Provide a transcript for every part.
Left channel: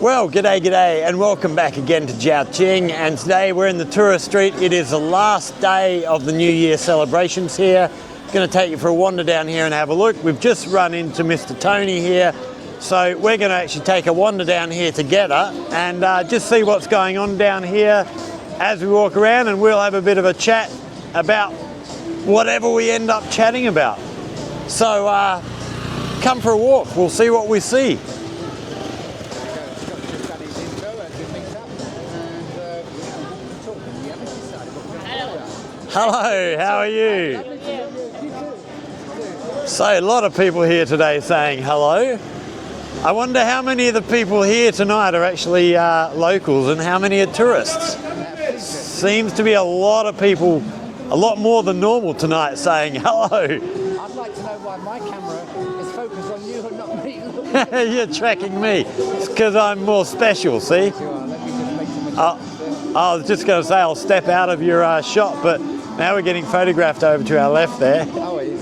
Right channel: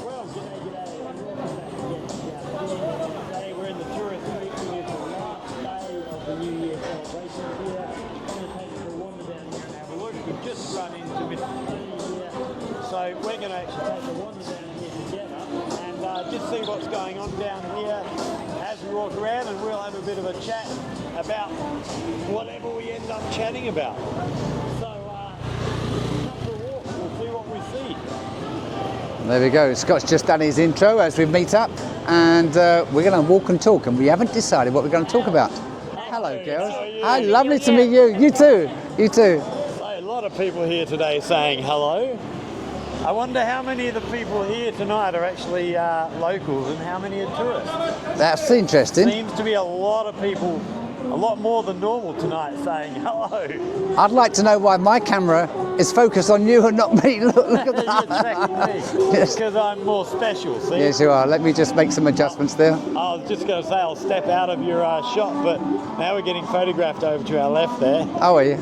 Well, g'day, and welcome back again to Zhaoqing. And today we're in the tourist street. It is the last day of the New Year celebrations here. Going to take you for a wander down here and have a look. We've just run into Mr. Tony here, so we're going to actually take a wander down here together and just see what's going on down here as we walk around, and we'll have a bit of a chat about whatever we end up chatting about. So come for a walk. We'll see what we see. There we go. Scott's just done his intro as we meet up, and we're going to walk and talk, and we haven't decided what we're going to talk about. Hello, how are you? Hi, lovely to meet you. You too. You too. So a lot of people here today saying hello. I wonder how many of the people here tonight are actually locals and how many are tourists. That's interesting. Seems to be a lot of people, a lot more than normal tonight, saying hello. I'd like to know why my camera is focused on you and not me. Look at that. You're tracking me. It's because I'm more special, see? Yes, you are. Let me just make some adjustments there. I was just going to say I'll step out of your shot, but now we're getting photographed over to our left there. Oh, are you?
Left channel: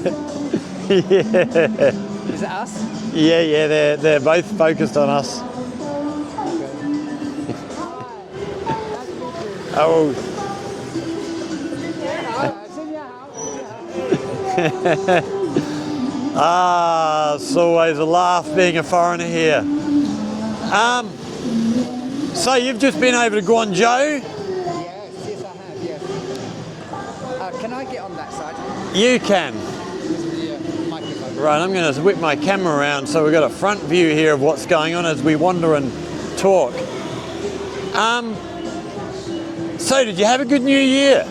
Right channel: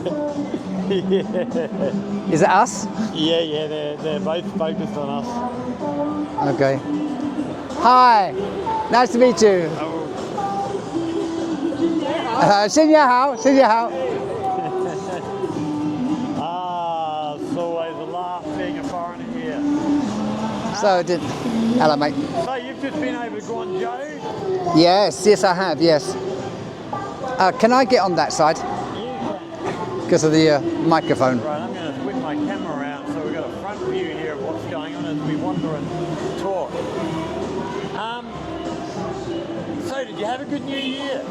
Yeah. Is it us? Yeah, they're both focused on us. Okay. Hi. Nice to meet you. Oh. 新年好，新年好. It's always a laugh being a foreigner here. Hello, mate. So you've just been over to Guangzhou? Yes, I have, yes. Can I get on that side? You can. Because of the microphone. Right, I'm going to whip my camera around so we've got a front view here of what's going on as we wander and talk. So did you have a good New Year?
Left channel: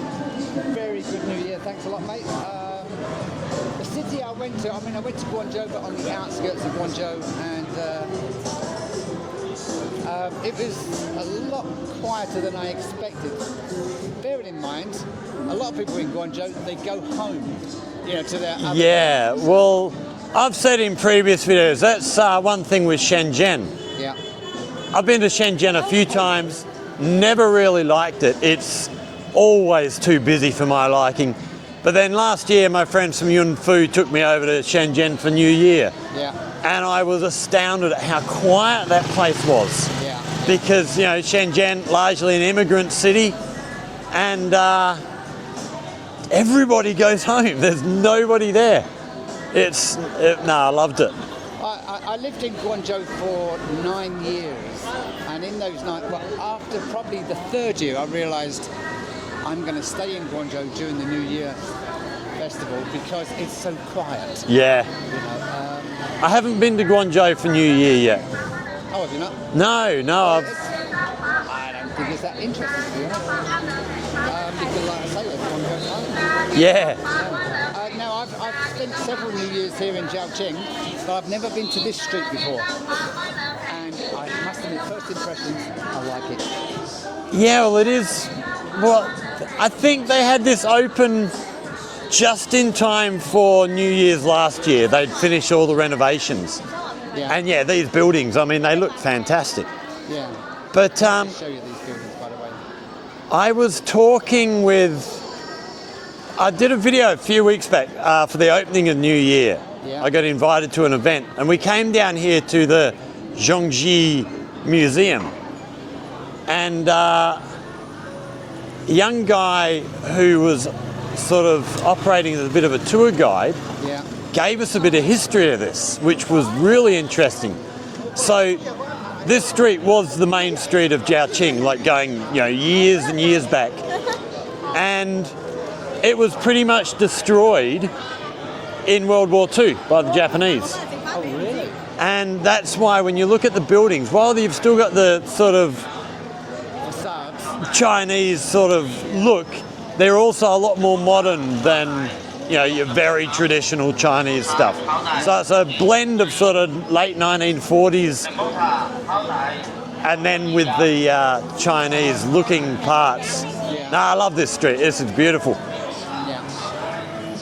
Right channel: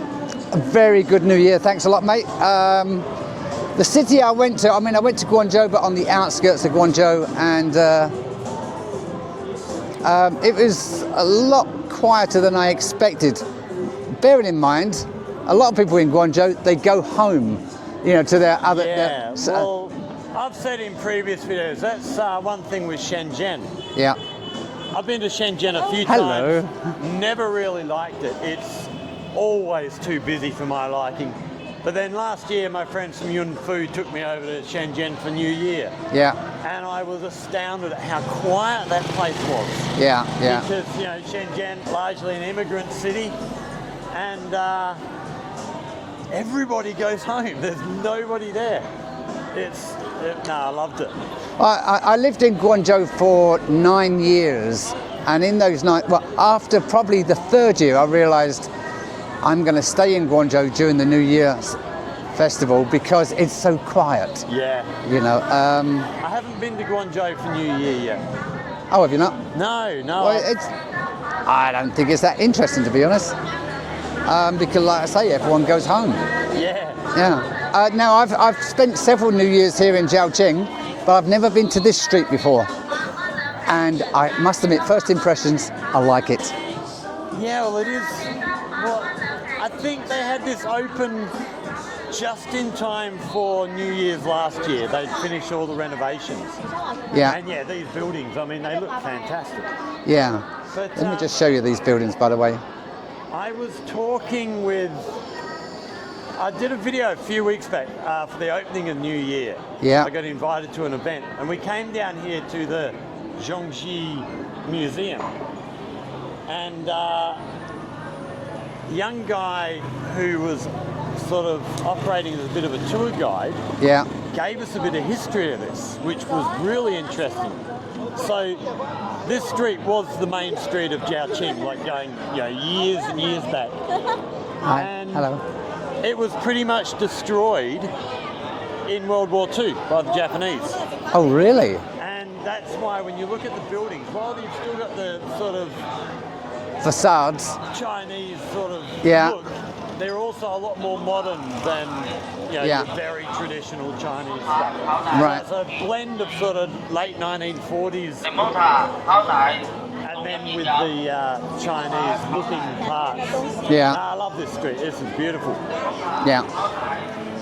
A very good New Year, thanks a lot, mate. The city I went to Guangzhou, but on the outskirts of Guangzhou, and it was a lot quieter than I expected. Bearing in mind, a lot of people in Guangzhou, they go home, you know, to their other... Yeah, well, I've said in previous videos, that's one thing with Shenzhen. Yeah. I've been to Shenzhen a few times, never really liked it. It's always too busy for my liking. But then last year, my friends from Yunfu took me over to Shenzhen for New Year. Yeah. And I was astounded at how quiet that place was. Yeah. Because, you know, Shenzhen, largely an immigrant city, and everybody goes home. There's nobody there. I loved it. I lived in Guangzhou for 9 years, and in those after probably the third year, I realised I'm going to stay in Guangzhou during the New Year's festival because it's so quiet. Yeah. You know. I haven't been to Guangzhou for New Year yet. Oh, have you not? No. Well, I don't think it's that interesting, to be honest. Because, like I say, everyone goes home. Yeah. Yeah. Now, I've spent several New Years here in Zhaoqing, but I've never been to this street before. And I must admit, first impressions, I like it. Yeah, well, it is. Well, I think they had this open just in time for New Year's last year. They'd finished all the renovations. Yeah. And yeah, these buildings, I mean, they look fantastic. Yeah. But Let me just show you these buildings, by the way. I was talking I did a video a few weeks back for the opening of New Year. Yeah. I got invited to an event, and we came down here to the Zhaoqing Museum. And a young guy who was sort of operating as a bit of a tour guide gave us a bit of history of this, which was really interesting. So this street was the main street of Zhaoqing, like going, you know, years and years back. And it was pretty much destroyed in World War II by the Japanese. Oh, really? And that's why when you look at the buildings, while you've still got the sort of facades, Chinese sort of look, they're also a lot more modern than, you know, your very traditional Chinese stuff. Right. So it's a blend of sort of late 1940s and then with the Chinese looking parts. Yeah. No, I love this street. This is beautiful. Yeah.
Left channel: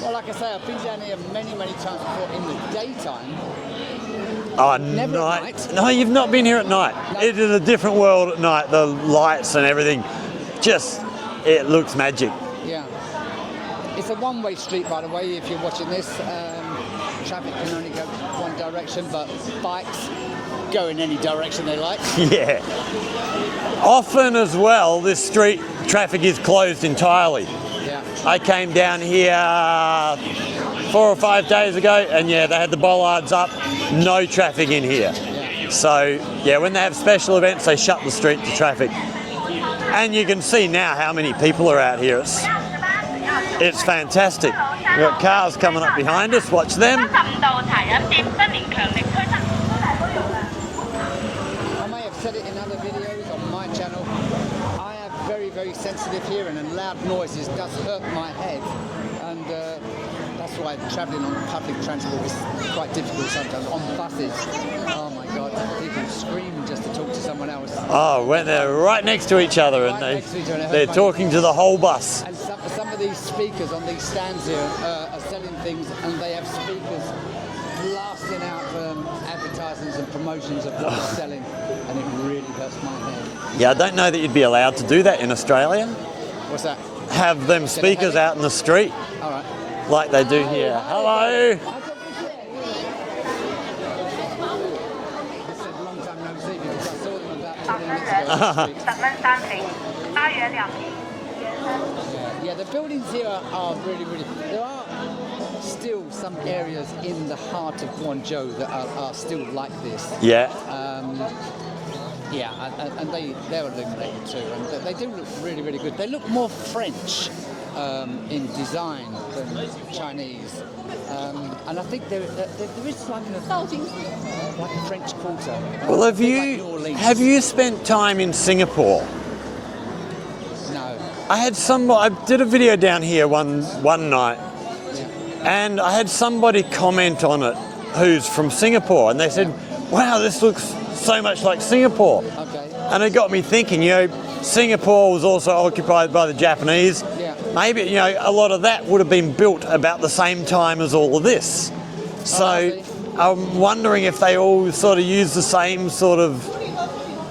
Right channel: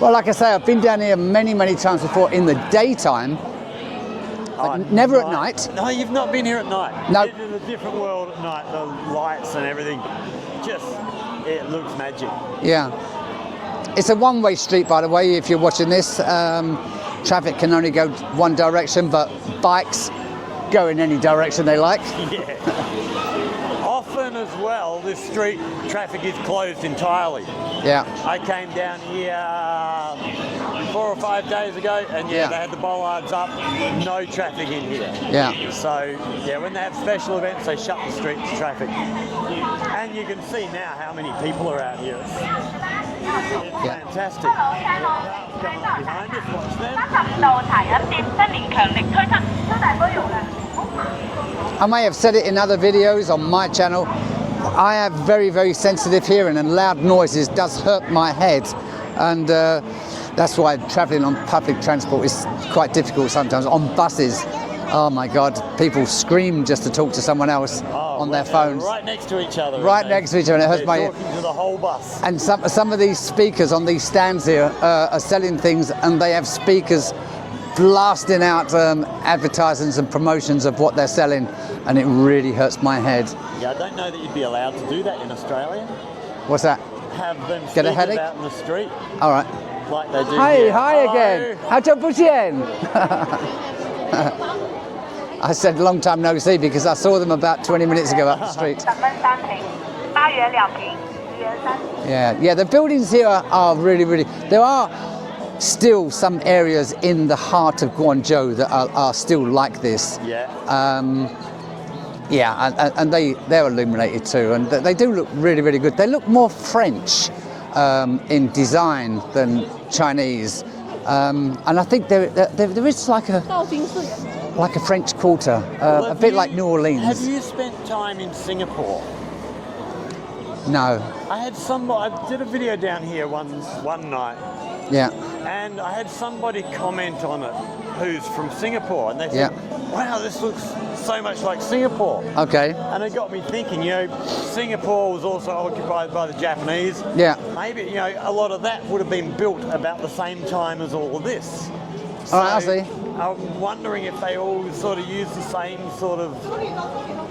Well, like I say, I've been down here many, many times before in the daytime. Never at night. No, you've not been here at night. No. It is a different world at night. The lights and everything, it looks magic. Yeah. It's a one-way street, by the way, if you're watching this. Traffic can only go one direction, but bikes go in any direction they like. Yeah. Often as well, this street traffic is closed entirely. Yeah. I came down here 4 or 5 days ago, and they had the bollards up, no traffic in here. Yeah. So, when they have special events, they shut the street to traffic. And you can see now how many people are out here. It's fantastic. We've got cars coming up behind us, watch them. I may have said it in other videos on my channel. I have very, very sensitive hearing, and loud noises does hurt my head. And that's why travelling on public transport is quite difficult sometimes. On buses, oh my God, people scream just to talk to someone else on when their they're phones. right next to each other. Right next to each other. And it hurts they're my talking to the whole bus. And some of these speakers on these stands here are selling things, and they have speakers blasting out advertisements and promotions of what they're selling, and it really hurts my head. Yeah, I don't know that you'd be allowed to do that in Australia. What's that? Have them speakers out in the street. All right. Like they do Hi, here. hi again. 好久不见. I said long time no see because I saw them about 20 minutes ago out the street. Yeah, the buildings here are really, really... There are still some areas in the heart of Guangzhou that are still like this. Yeah. And they're illuminated too, and they do look really, really good. They look more French in design than Chinese, and I think there is like a French Quarter, a bit like New Orleans. Have you spent time in Singapore? No. I did a video down here one night. Yeah. And I had somebody comment on it who's from Singapore, and they said, wow, this looks so much like Singapore. Okay. And it got me thinking, Singapore was also occupied by the Japanese. Yeah. Maybe, a lot of that would have been built about the same time as all of this. So I see. I'm wondering if they all sort of use the same sort of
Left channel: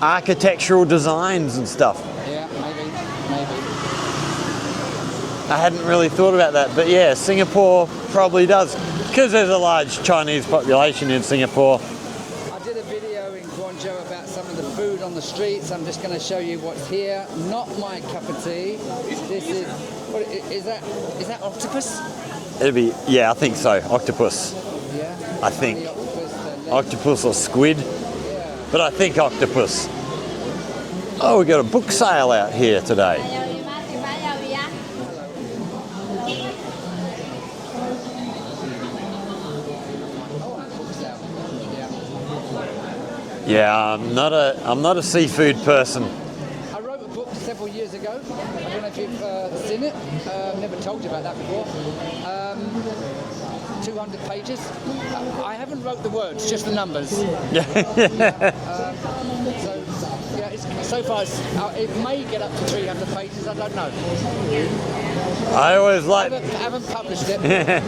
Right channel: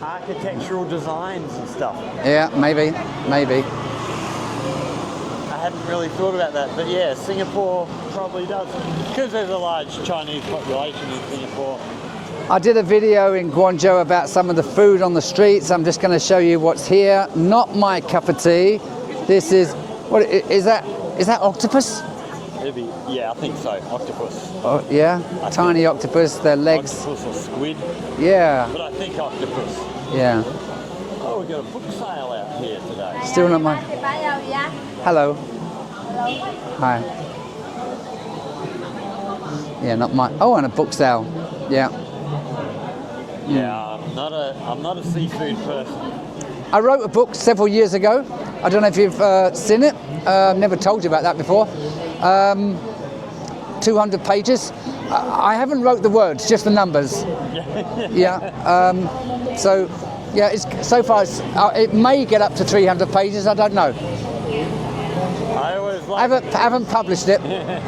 architectural designs and stuff. Yeah, maybe. I hadn't really thought about that, but yeah, Singapore probably does, because there's a large Chinese population in Singapore. I did a video in Guangzhou about some of the food on the streets. I'm just going to show you what's here. Not my cup of tea. This is, what is that? Is that octopus? It'd be, I think so, octopus. Oh, yeah, I tiny think octopus, their legs. Octopus or squid. Yeah. But I think octopus. Yeah. Oh, we got a book sale out here today. Still not mine. Hello. Hi. Yeah, not mine. Oh, and a book sale. Yeah. Yeah, I'm not a seafood person. I wrote a book several years ago. I don't know if you've seen it. Never told you about that before. 200 pages. I haven't wrote the words, just the numbers. Yeah. So far it may get up to 300 pages. I don't know. I always like. I haven't published it. I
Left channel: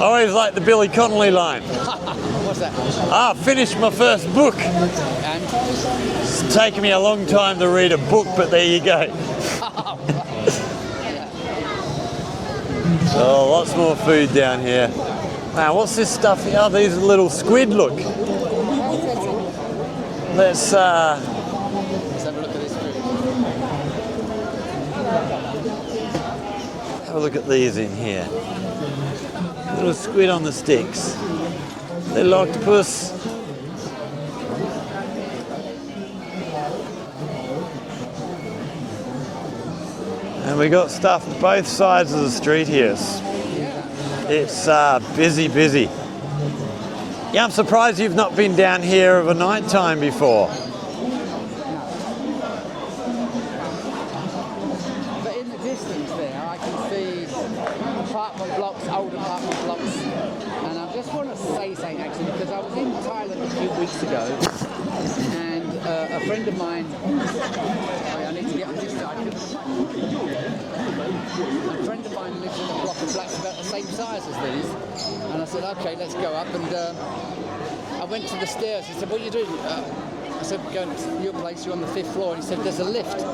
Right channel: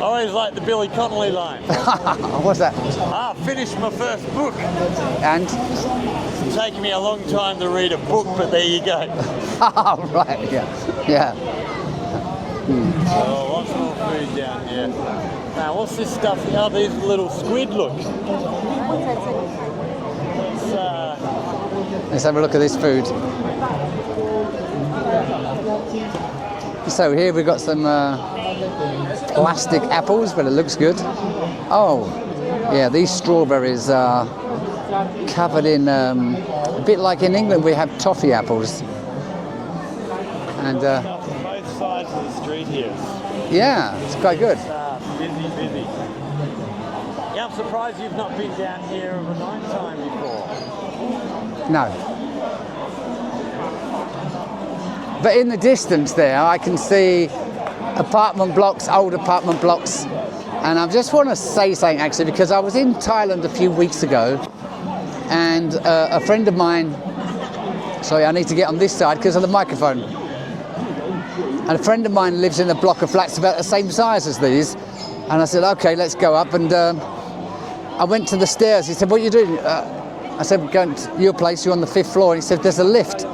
always like the Billy Connolly line. What's that? Finished my first book. And? It's taken me a long time to read a book, but there you go. Oh, right. Yeah. Oh, lots more food down here. Now, what's this stuff? Oh, these little squid, look. Let's have a look at this food. So here we've got some plastic apples, but it looks good. Oh, little octopus. Yeah, these strawberries are covered in, a bit like in England we have toffee apples. And we got stuff both sides of the street here. Yeah, it's quite good. It's busy. Yeah, I'm surprised you've not been down here of a night time before. No. But in the distance there, I can see apartment blocks, old apartment blocks. And I just want to say something actually, because I was in Thailand a few weeks ago, and a friend of mine, sorry, I need to get on this side because of the microphone. And a friend of mine lives in a block of flats about the same size as these. And I said, okay, let's go up. And I went to the stairs. He said, what are you doing? I said, we're going to your place, you're on the 5th floor. And he said, there's a lift.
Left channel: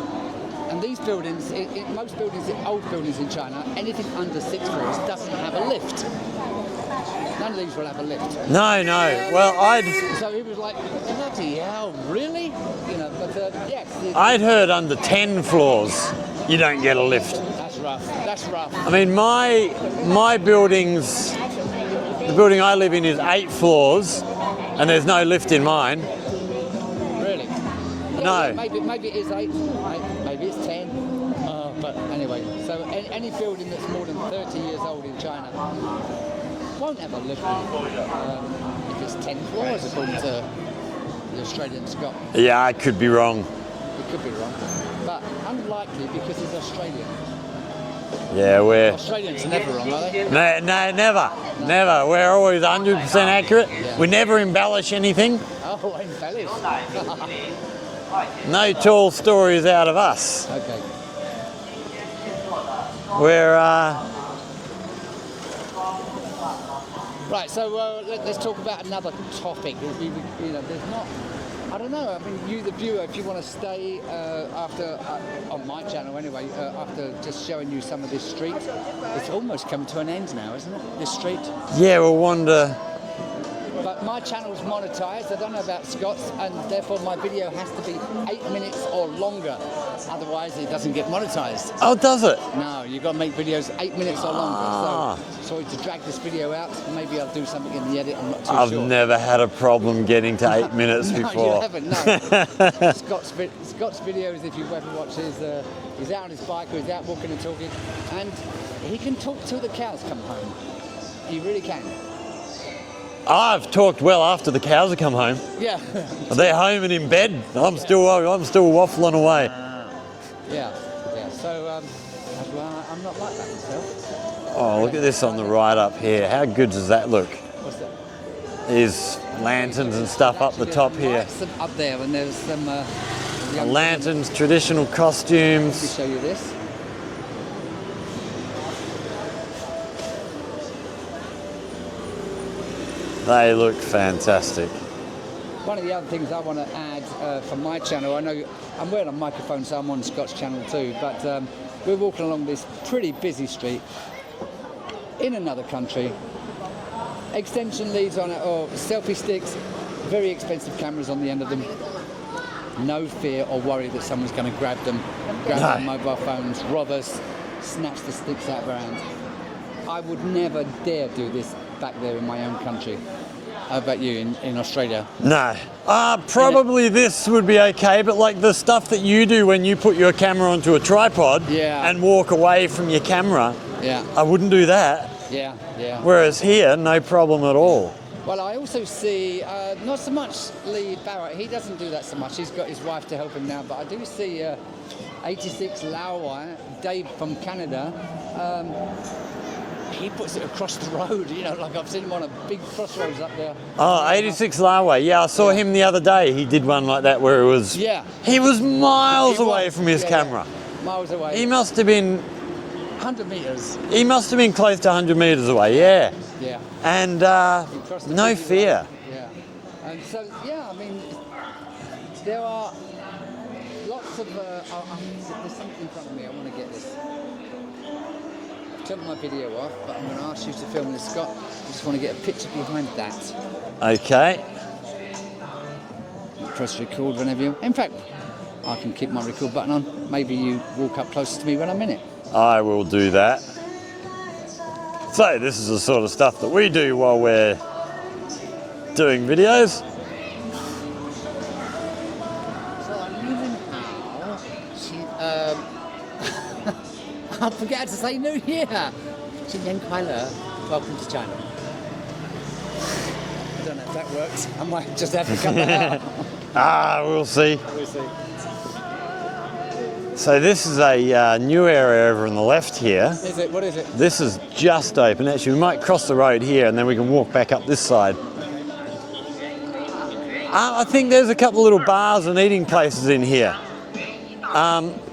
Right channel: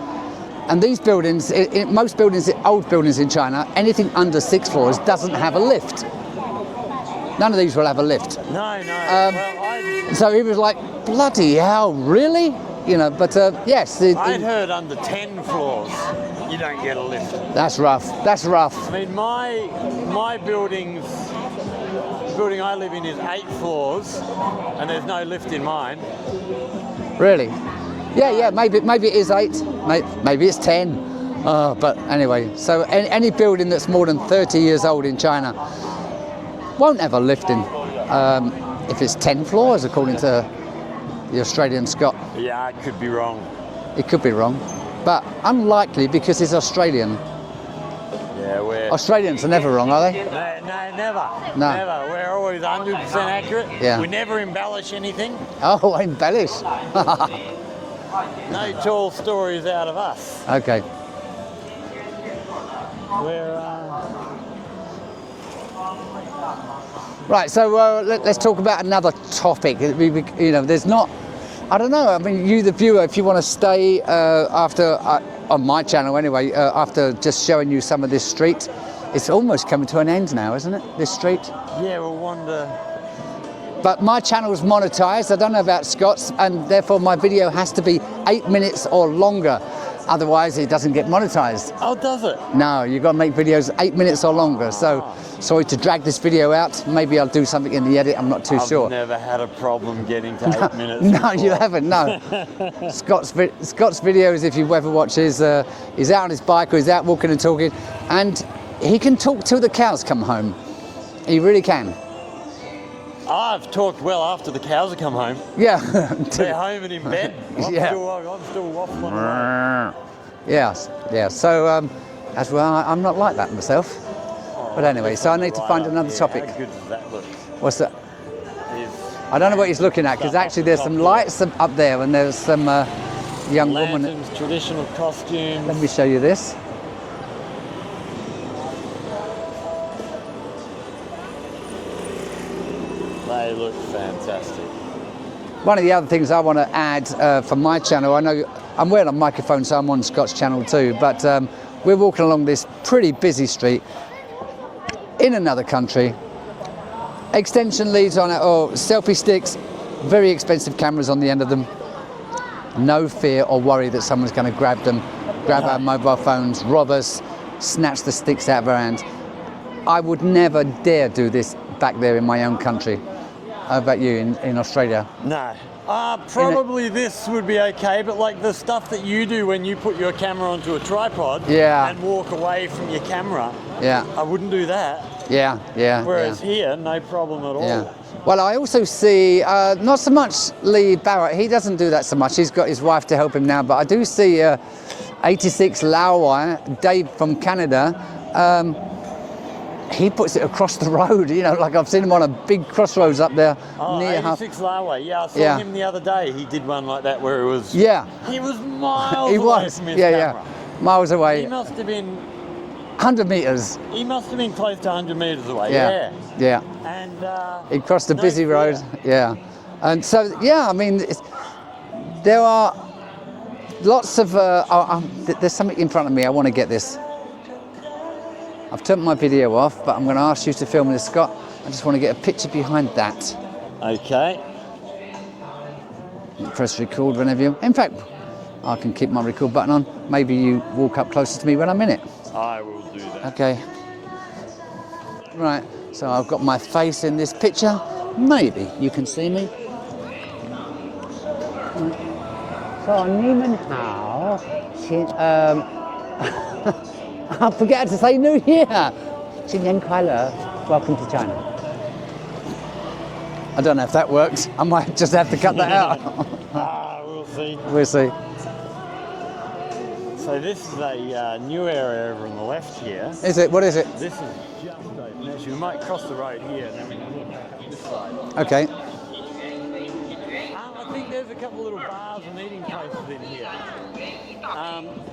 And these buildings, most buildings, old buildings in China, anything under 6 floors doesn't have a lift. None of these will have a lift. No, no. Well, So he was like, bloody hell, really? You know, but yes. I'd heard under 10 floors you don't get a lift. That's rough. That's rough. I mean, my building's, the building I live in is 8 floors, and there's no lift in mine. Really? Yeah, No. yeah. Maybe it is 8. Maybe it's 10. But anyway, so any building that's more than 30 years old in China won't have a lift in. If it's 10 floors, according to the Australian Scot. Yeah, I could be wrong. It could be wrong, but unlikely because it's Australian. Yeah, Australians are never wrong, are they? No, never. No. Never. We're always 100% accurate. Yeah. We never embellish anything. Oh, embellish. No tall stories out of us. Okay. We're, Right, so let's talk about another topic. You know, there's not, I don't know, I mean, you the viewer, if you want to stay after, on my channel anyway, after just showing you some of this street, it's almost coming to an end now, isn't it, this street? yeah, we'll wander. But my channel is monetized, I don't know about Scott's, and therefore my video has to be 8 minutes or longer. Otherwise, it doesn't get monetized. Oh, does it? No, you've got to make videos 8 minutes or longer. So, sorry to drag this video out. Maybe I'll do something in the edit. I'm not too sure. I've never had a problem getting to 8 minutes No, before. you haven't. No. Scott's videos, if you've ever watched his, he's out on his bike or he's out walking and talking, and he can talk till the cows come home. He really can. I've talked well after the cows have come home. Yeah. They're home and in bed. I'm Yeah. still waffling away. Yes. Yeah. So, as well, I'm not like that myself. Oh, But look at anyway, this so I on the need to right find up another here. topic. How good does that look? What's that? Is I don't know what he's lanterns looking and at because stuff up actually the there's top some here. lights up there and there's some young woman. Lanterns, traditional Let me costumes. show you this. They look fantastic. One of the other things I want to add for my channel, I know I'm wearing a microphone, so I'm on Scott's channel too, but we're walking along this pretty busy street in another country. Extension leads on it, or selfie sticks, very expensive cameras on the end of them. No fear or worry that someone's going to grab them, grab our mobile phones, rob us, snatch the sticks out of our hand. I would never dare do this back there in my own country. How about you in Australia? No. Probably this would be okay, but like the stuff that you do when you put your camera onto a tripod Yeah. and walk away from your camera, Yeah, I wouldn't do that. yeah, yeah. Whereas here, no problem at all. Yeah. Well, I also see, not so much Lee Barrett, he doesn't do that so much, he's got his wife to help him now, but I do see 86 Lauai, Dave from Canada, he puts it across the road, you know, like I've seen him on a big crossroads up there. Oh, near 86 Larway. Yeah, I saw Yeah. him the other day. He did one like that where it was... Yeah. He was miles He away was, from his yeah, camera. Yeah. Miles away. He must have been 100 metres. close to 100 metres away, yeah. Yeah. And He crossed a no busy fear. road. Yeah. And so, yeah, I mean, there are lots of, there's something in front of me, I want to get this. I've turned my video off, but I'm going to ask you to film this, Scott. I just want to get a picture behind that. Okay. Press record whenever you... In fact, I can keep my record button on. Maybe you walk up closer to me when I'm in it. I will do that. Okay. So Right. this is the sort of So I've stuff got that my we do face while in this we're picture. Maybe you can doing see me. videos. So, 你们好，请I forget to say New Year. 新年快乐. Welcome to China. I don't know if that works. I might just have to cut that out. We'll see. We'll see. So this is a new area over on the left here. Is it? What is it? This is just open. Actually, we might cross the road here and then we can walk back up this side. Okay. I think there's a couple of little bars and eating places in here.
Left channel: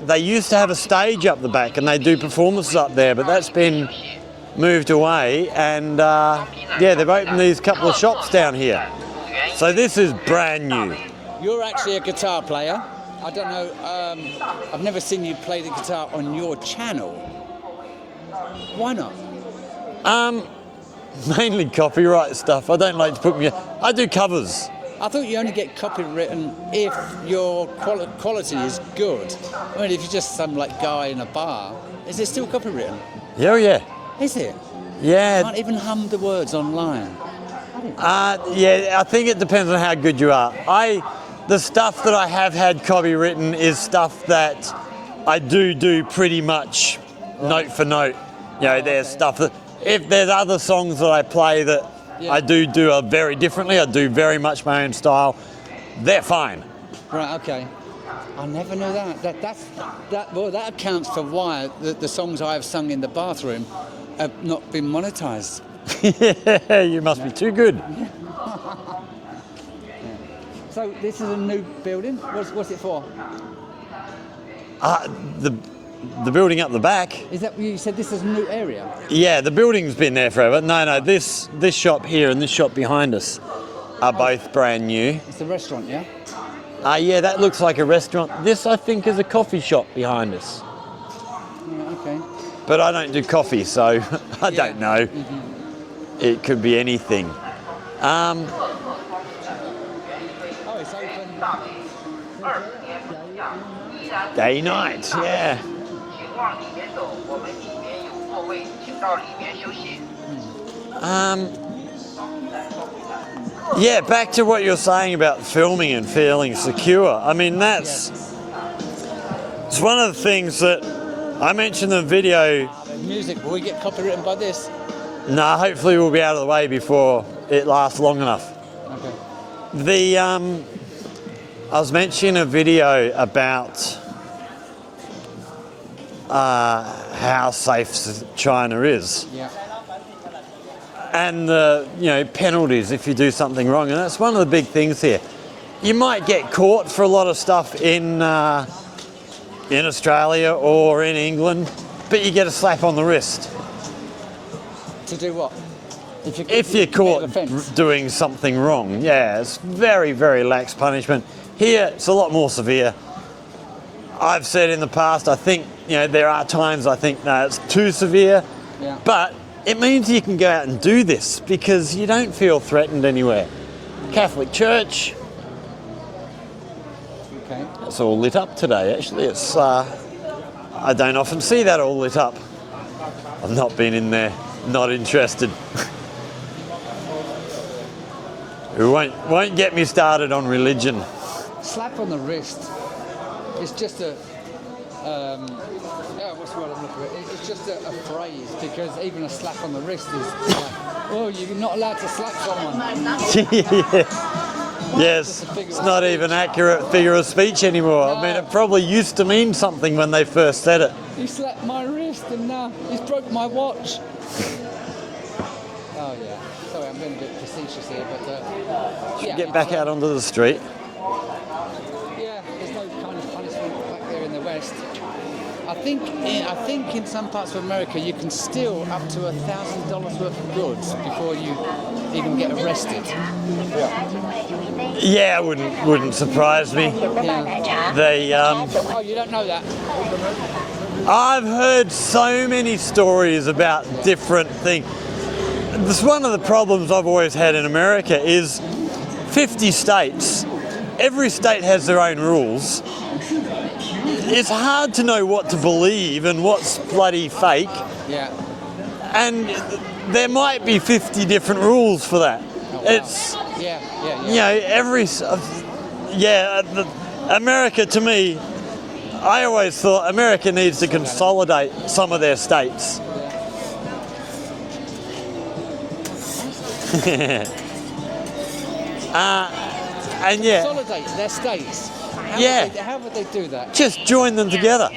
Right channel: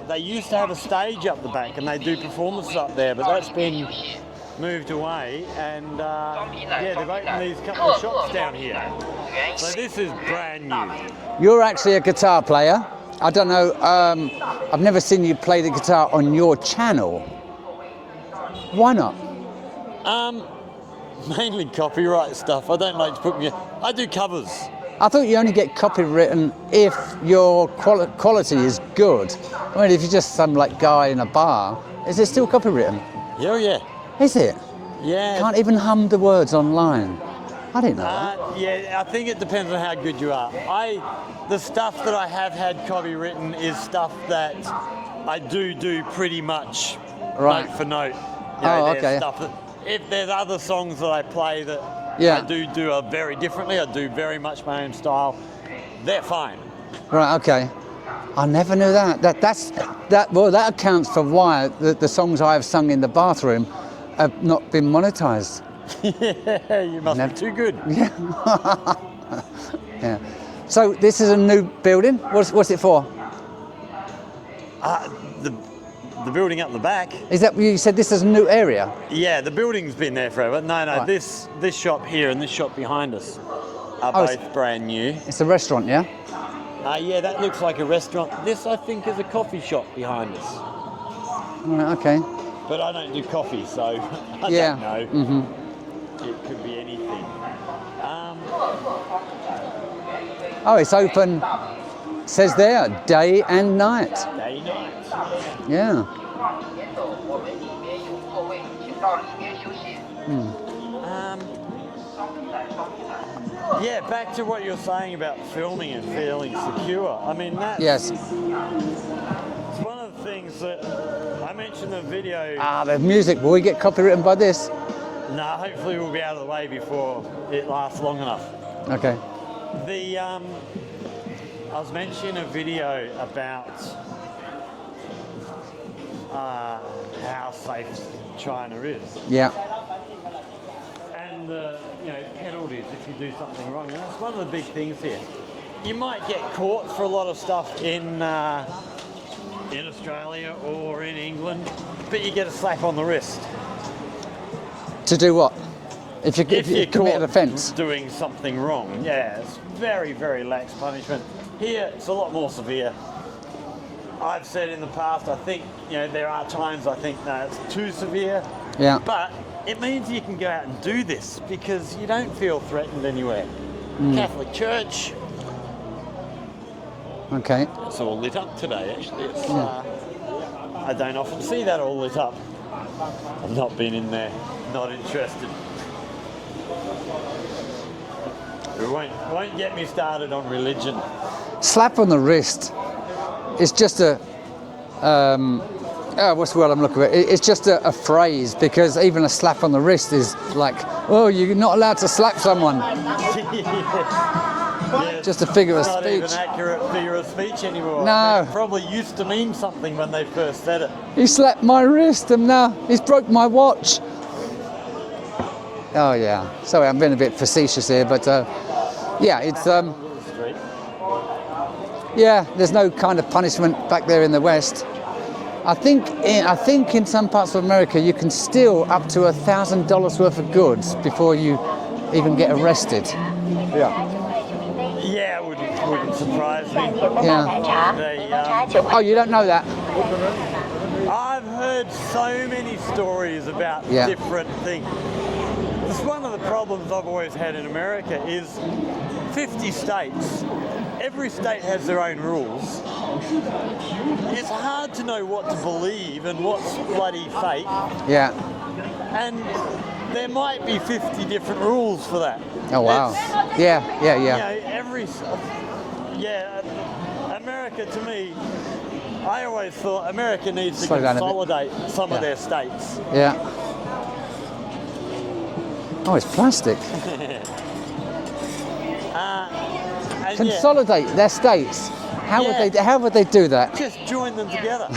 They used to have a stage up the back and they do performances up there, but that's been moved away. And yeah, they've opened these couple of shops down here. So this is brand new. You're actually a guitar player. I don't know, I've never seen you play the guitar on your channel. Why not? Mainly copyright stuff. I don't like to put me. I do covers. I thought you only get copywritten if your quality is good. I mean, if you're just some like guy in a bar, is it still copywritten? Yeah, yeah. Is it? Yeah. Can't even hum the words online. I didn't know. Yeah, I think it depends on how good you are. The stuff that I have had copywritten is stuff that I do pretty much note for note. You know, there's stuff that, if there's other songs that I play that I do very differently, I do very much my own style, they're fine. Right, okay. I never knew that. That accounts for why the songs I have sung in the bathroom have not been monetized. Yeah, you must be too good. Yeah. Yeah. So this is a new building. What's it for? The building up the back. Is that you said this is a new area? Yeah, the building's been there forever. No, Right. this shop here and this shop behind us are both brand new. It's a restaurant, yeah? Yeah, that looks like a restaurant. This, I think, is a coffee shop behind us. Right, okay. But I don't do coffee, so I don't know. Mm-hmm. It could be anything. Oh, it's open, says there, day and night. Day, night, yeah. Yeah. Yeah, back to what you're saying about filming and feeling secure. I mean, Yes. it's one of the things that I mentioned in the video. The music, will we get copywritten by this? No, hopefully we'll be out of the way before it lasts long enough. Okay. I was mentioning a video about how safe China is, Yeah. and the penalties if you do something wrong, and that's one of the big things here. You might get caught for a lot of stuff in Australia or in England, but you get a slap on the wrist. To do what? If you If commit you're an offence. caught doing something wrong, yeah, it's very, very lax punishment. Here, it's a lot more severe. I've said in the past, I think, there are times I think, no, it's too severe. Yeah. But it means you can go out and do this because you don't feel threatened anywhere. Catholic Church, Okay. it's all lit up today, actually. It's I don't often see that all lit up. I've not been in there, not interested. It won't get me started on religion. Slap on the wrist. It's just a, what's the word I'm looking for? It's just a phrase, because even a slap on the wrist is like, oh, you're not allowed to slap someone. Yes, Just a figure of it's not speech. even accurate figure of speech anymore. I mean, No. it probably used to mean something when they first said it. He slapped my wrist and now he's broke my watch. Oh yeah. Sorry, I'm being a bit facetious here, but yeah, Get it's back out onto the street. yeah. There's no kind of punishment back there in the West. I think in some parts of America you can steal up to $1,000 worth of goods before you even get arrested. Yeah, wouldn't surprise me. Yeah. They, Oh, you don't know that? I've heard so many stories about Yeah. different things. This one of the problems I've always had in America is 50 states. Every state has their own rules. It's hard to know what to believe and what's bloody fake, Yeah. and there might be 50 different rules for that. Oh wow. It's, Yeah. America, to me, I always thought America needs to Slow down a bit. consolidate some of their states. Yeah. Oh, it's plastic. And yeah, Consolidate their states. How would they do that? just join them together.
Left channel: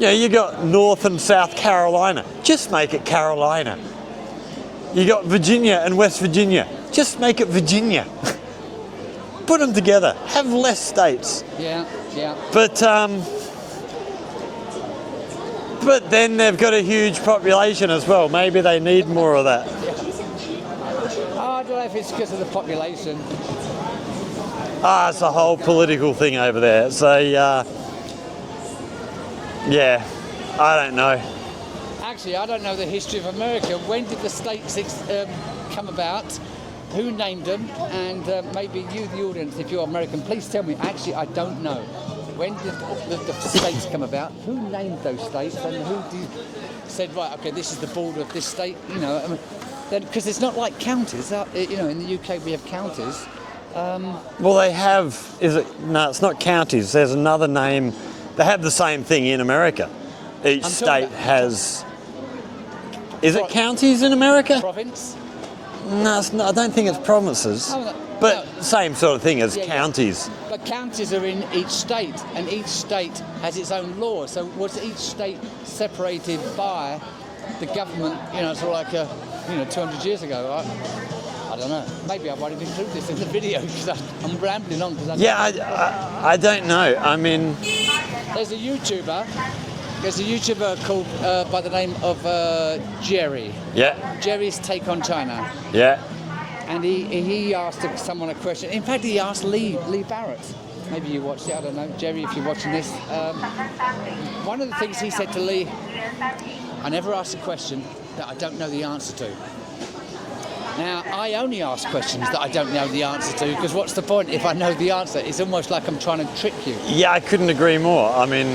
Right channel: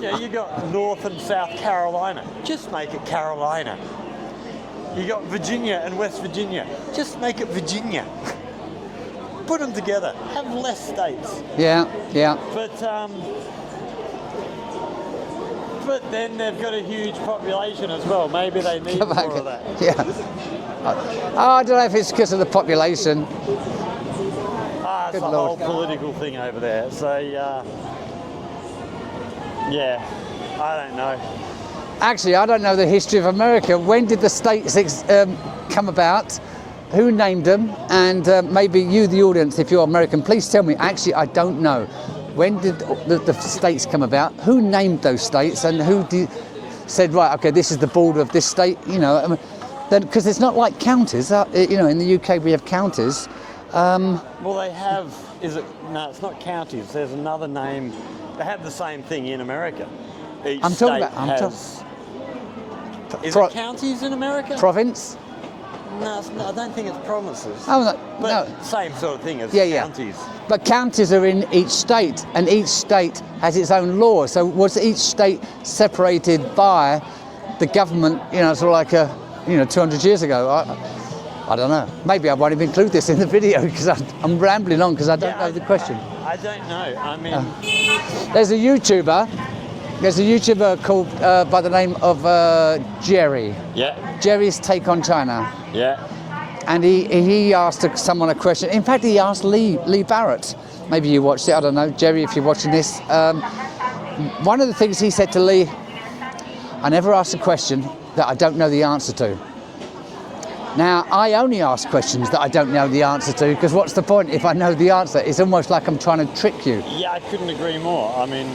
You got North and South Carolina. Just make it Carolina. You got Virginia and West Virginia. Just make it Virginia. Put them together. Have less states. Yeah. But then they've got a huge population as well. Maybe they need more of that. Yeah. I don't know if it's because of the population. It's a whole political thing over there. So, yeah, I don't know. Actually, I don't know the history of America. When did the states come about? Who named them? And maybe you, the audience, if you're American, please tell me. Actually, I don't know. When did the states come about? Who named those states? And who said, right, okay, this is the border of this state? You know, I mean, because it's not like counties. You know, in the UK we have counties. Well, they have. No, it's not counties. There's another name. They have the same thing in America. Each state has. Is it counties in America? Province? No, it's not, I don't think it's provinces. Oh, no, but no. same sort of thing as counties. But counties are in each state, and each state has its own law. So was each state separated by the government? You know, sort of like 200 years ago. I don't know. Maybe I won't even include this in the video because I'm rambling on because I don't know the question. I don't know. I mean, there's a YouTuber. There's a YouTuber called by the name of Jerry. Yeah. Jerry's Take on China. Yeah. And he asked someone a question. In fact, he asked Lee Barrett. Maybe you watched it. I don't know, Jerry, if you're watching this. One of the things he said to Lee, I never ask a question that I don't know the answer to. Now, I only ask questions that I don't know the answer to, because what's the point if I know the answer? It's almost like I'm trying to trick you. Yeah, I couldn't agree more. I mean,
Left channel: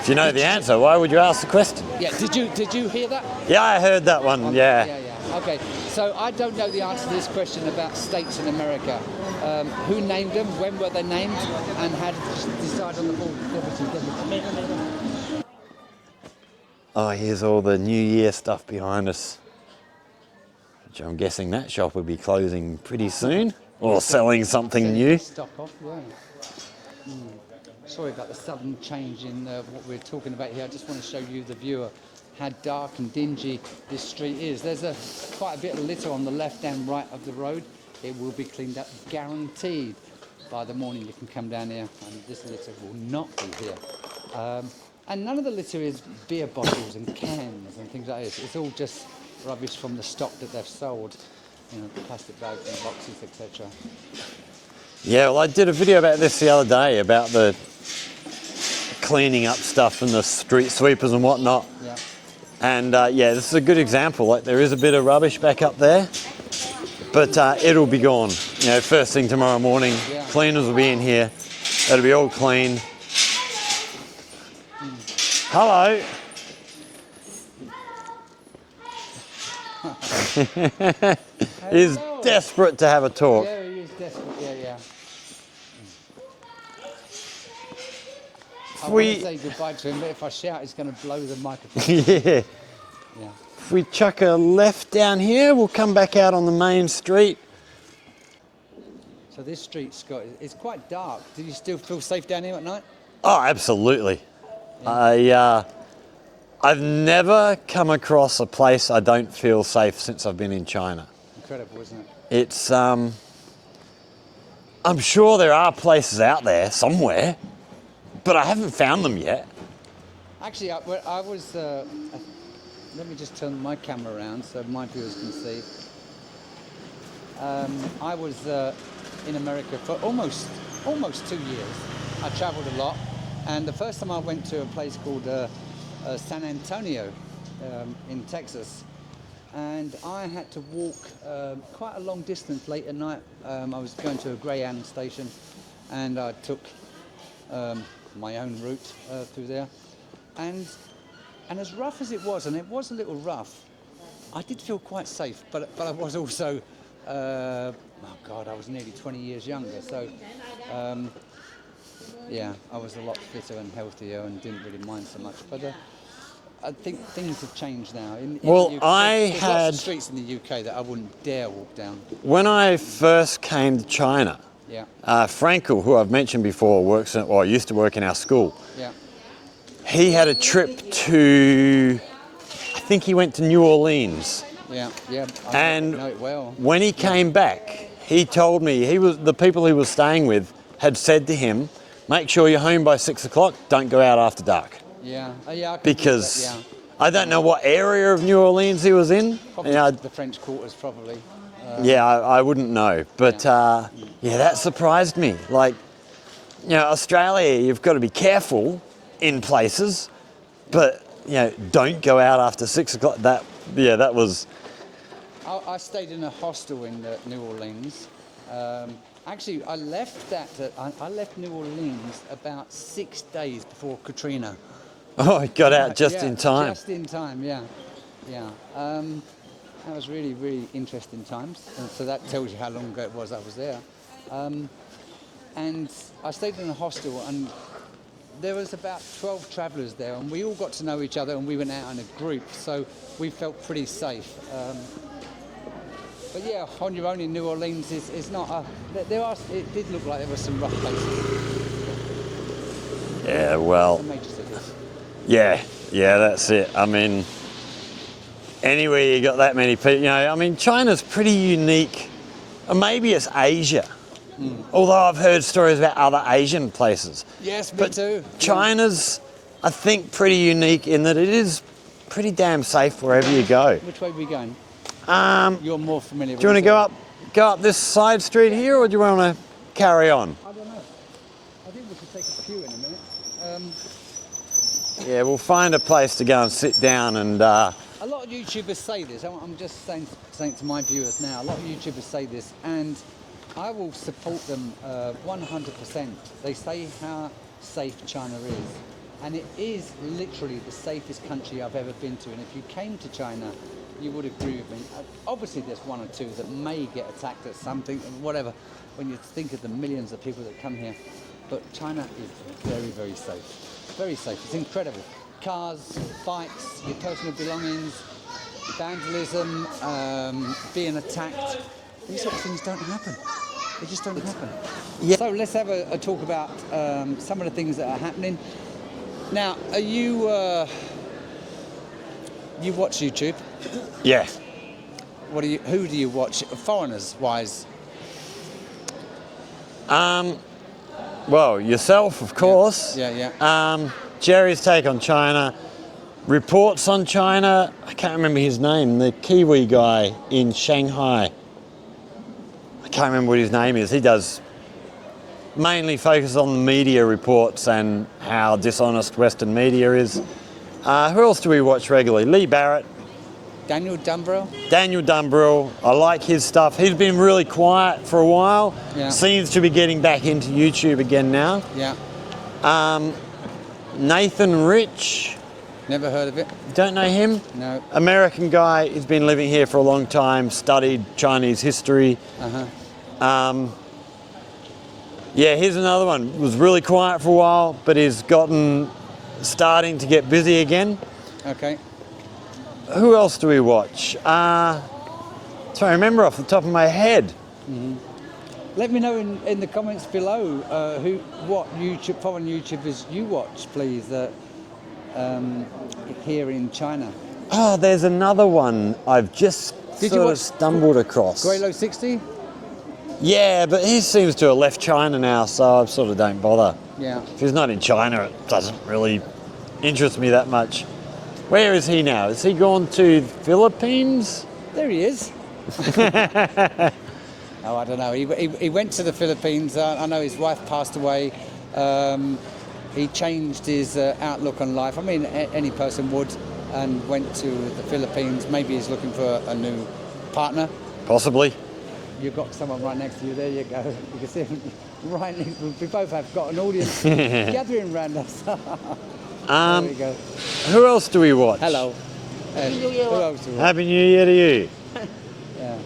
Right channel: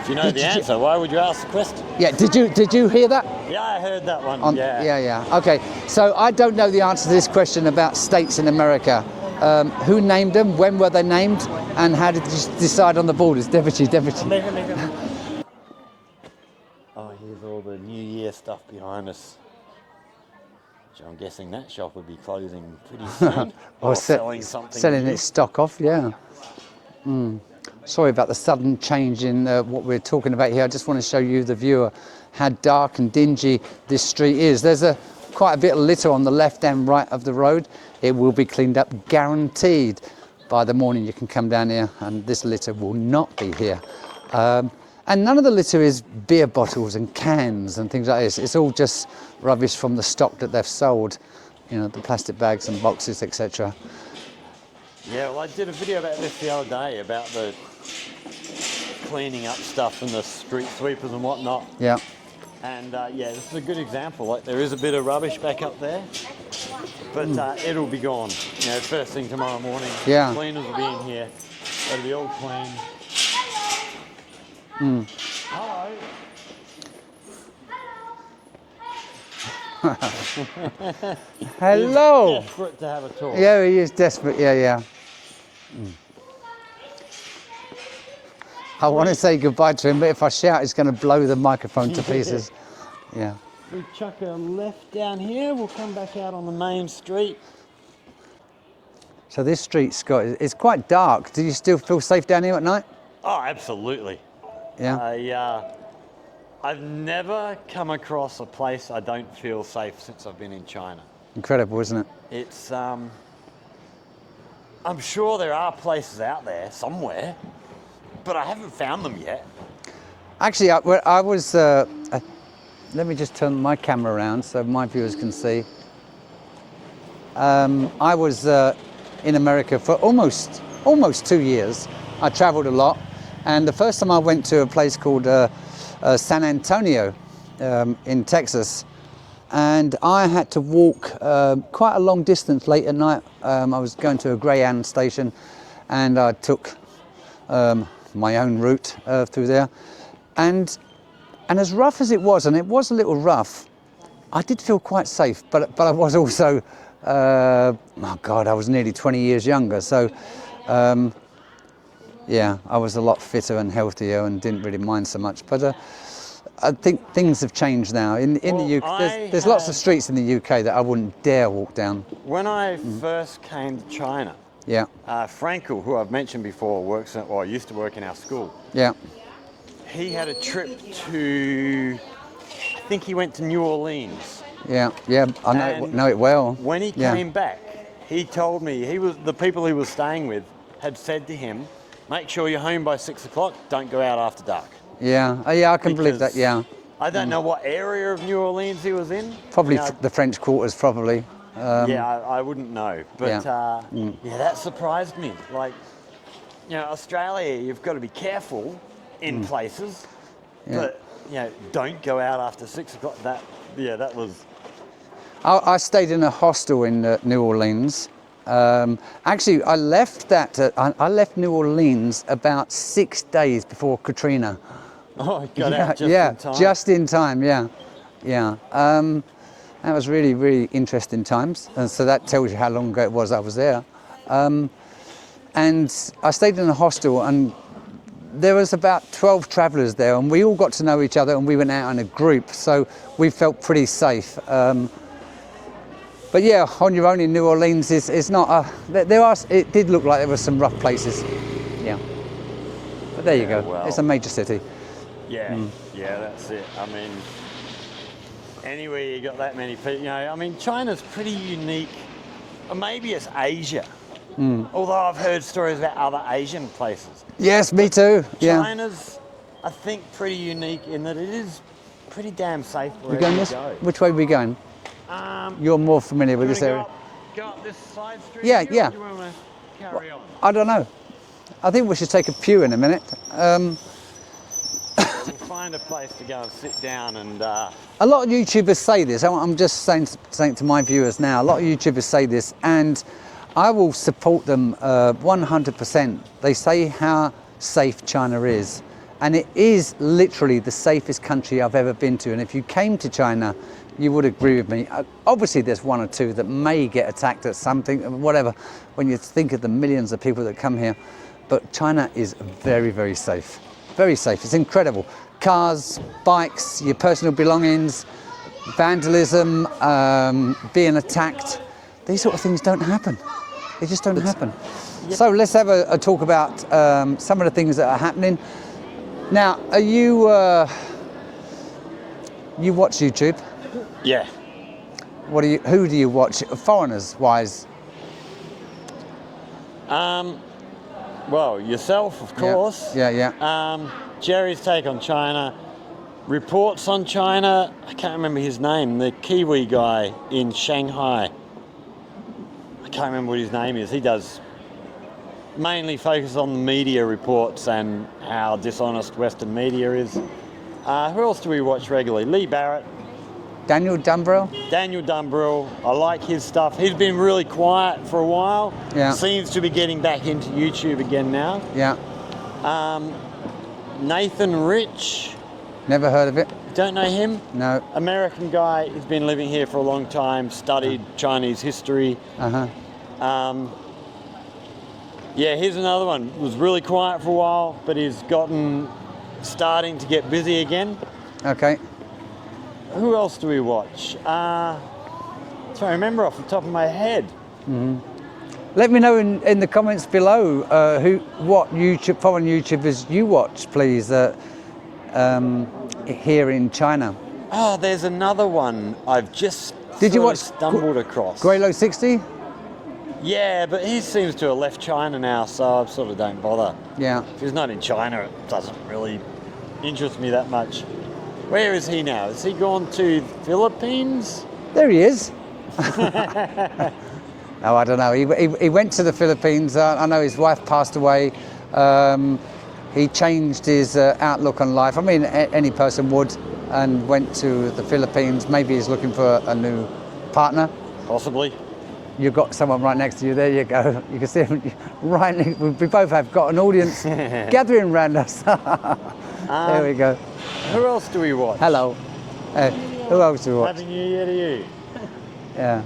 if you know the answer, why would you ask the question? Yeah, did you hear that? Yeah, I heard that one, yeah. Yeah. Okay, so I don't know the answer to this question about states in America. Who named them, when were they named, and how did you decide on the borders? Definitely. Oh, here's all the New Year stuff behind us. Which I'm guessing that shop will be closing pretty soon. or selling something selling new. Selling stock off, yeah. Sorry about the sudden change in what we're talking about here. I just want to show you, the viewer, how dark and dingy this street is. There's quite a bit of litter on the left and right of the road. It will be cleaned up, guaranteed. By the morning you can come down here and this litter will not be here. And none of the litter is beer bottles and cans and things like this. It's all just rubbish from the stock that they've sold. You know, the plastic bags and boxes, etc. Yeah, well, I did a video about this the other day, about the cleaning up stuff and the street sweepers and whatnot. Yeah. And yeah, this is a good example. Like, there is a bit of rubbish back up there, but it'll be gone. You know, first thing tomorrow morning, cleaners will be in here. It'll be all clean. Hello. Hello. He's desperate to have a talk. Yeah, he is desperate. Yeah. I want to say goodbye to him, but if I shout, it's going to blow the microphone to pieces. Yeah. If we chuck a left down here, we'll come back out on the main street. So this street, Scott, it's quite dark. Do you still feel safe down here at night? Oh, absolutely. Yeah. I've never come across a place I don't feel safe since I've been in China. Incredible, isn't it? It's, I'm sure there are places out there somewhere, but I haven't found them yet. Actually, I was, let me just turn my camera around so my viewers can see. I was in America for almost 2 years. I traveled a lot, and the first time I went to a place called San Antonio in Texas, and I had to walk quite a long distance late at night. I was going to a Greyhound station, and I took my own route through there, and as rough as it was, and it was a little rough, I did feel quite safe, but I was also oh God, I was nearly 20 years younger, so yeah, I was a lot fitter and healthier and didn't really mind so much. But I think things have changed now. In the UK, there's lots of streets in the UK that I wouldn't dare walk down. When I first came to China, Frankel, who I've mentioned before, used to work in our school. Yeah. He had a trip to, I think he went to New Orleans. Yeah, I know it well. When he came back, he told me the people he was staying with had said to him, make sure you're home by 6 o'clock, don't go out after dark. Yeah, I can believe that, yeah. I don't know what area of New Orleans he was in. Probably the French Quarters, probably. I wouldn't know, but that surprised me. Like, you know, Australia, you've got to be careful in places, but don't go out after 6 o'clock. That was. I stayed in a hostel in New Orleans. Actually, I left I left New Orleans about 6 days before Katrina. Oh, I got out just in time. Just in time, yeah. That was really, really interesting times. And so that tells you how long ago it was I was there. And I stayed in a hostel, and there was about 12 travellers there, and we all got to know each other, and we went out in a group, so we felt pretty safe. But yeah, on your own in New Orleans is not it did look like there were some rough places. Yeah. But there you go. Well, it's a major city. Yeah, that's it. I mean, anywhere you got that many people, China's pretty unique. Maybe it's Asia. Although I've heard stories about other Asian places. Yes, me too. China's, I think, pretty unique in that it is pretty damn safe wherever you go. Which way are we going? You're more familiar with this. Do you want to go up this side street here, or do you want to carry on? I don't know. I think we should take a pew in a minute. Yeah, we'll find a place to go and sit down and... A lot of YouTubers say this. I'm just saying to my viewers now, a lot of YouTubers say this, and I will support them 100%. They say how safe China is, and it is literally the safest country I've ever been to. And if you came to China, you would agree with me. Obviously, there's one or two that may get attacked at something, whatever, when you think of the millions of people that come here. But China is very, very safe. Very safe. It's incredible. Cars, bikes, your personal belongings, vandalism, being attacked. These sort of things don't happen. They just don't happen. Yeah. So let's have a talk about some of the things that are happening. Now, are you you watch YouTube? Yeah. Who do you watch, foreigners wise? Well, yourself, of course. Yeah. Jerry's take on China, reports on China. I can't remember his name. The Kiwi guy in Shanghai. I can't remember what his name is. He does mainly focus on the media reports and how dishonest Western media is. Who else do we watch regularly? Lee Barrett. Daniel Dumbrell? Daniel Dumbrell. I like his stuff. He's been really quiet for a while. Yeah. Seems to be getting back into YouTube again now. Yeah. Nathan Rich. Never heard of it. Don't know him? No. American guy. He's been living here for a long time, studied Chinese history. Yeah, here's another one. Was really quiet for a while, but he's starting to get busy again. Okay. Who else do we watch? Trying to remember off the top of my head. Mm-hmm. Let me know in the comments below what foreign YouTubers you watch, please, here in China. Oh, there's another one I've just stumbled across. Graylo60? Yeah, but he seems to have left China now, so I sort of don't bother. Yeah. If he's not in China, it doesn't really interest me that much. Where is he now? Has he gone to the Philippines? There he is. Oh, I don't know. He went to the Philippines. I know his wife passed away. He changed his outlook on life. I mean, any person would, and went to the Philippines. Maybe he's looking for a new partner. Possibly. You've got someone right next to you. There you go. You can see him right. We both have got an audience gathering around us. There we go. Who else do we watch? Hello. Who else do we watch? Happy New Year to you. Yeah.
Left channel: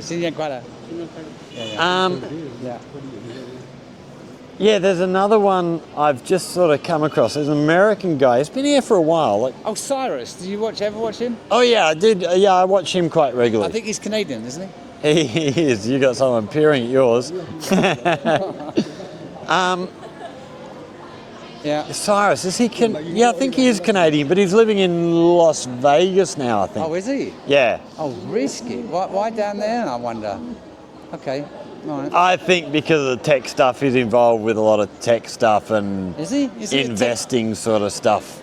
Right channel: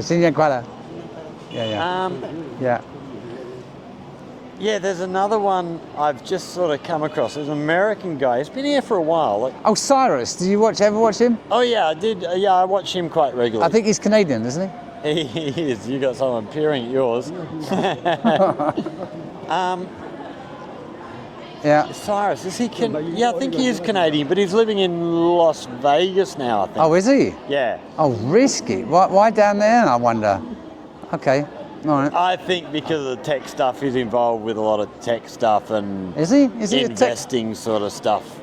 新年快乐. Yeah. Yeah, there's another one I've just sort of come across. There's an American guy. He's been here for a while. Oh, Cyrus. Did you ever watch him? Oh, yeah, I did. Yeah, I watch him quite regularly. I think he's Canadian, isn't he? He is. You got someone peering at yours. Yeah. Cyrus, is he yeah, I think he is Canadian, but he's living in Las Vegas now, I think. Oh, is he? Yeah. Oh, risky. Why down there, I wonder? Okay. All right. I think because of the tech stuff, he's involved with a lot of tech stuff and is he investing sort of stuff.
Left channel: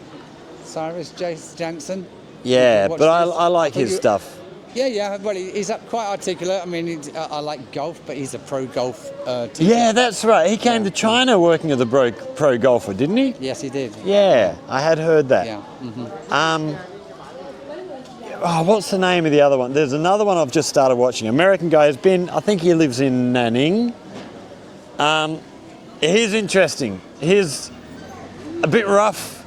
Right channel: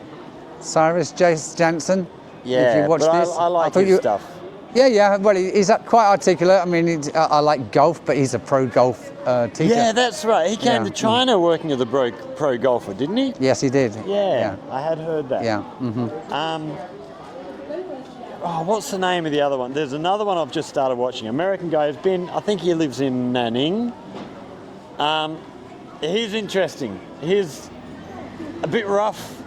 Cyrus Jace Jansen? Yeah, but I like his stuff. Yeah. Well, he's quite articulate. I mean, I like golf, but he's a pro golf teacher. Yeah, that's right. He came Yeah. to China working as a pro golfer, didn't he? Yes, he did. Yeah, I had heard that. Yeah. What's the name of the other one? There's another one I've just started watching. American guy has been, I think he lives in Nanning. He's interesting. He's a bit rough,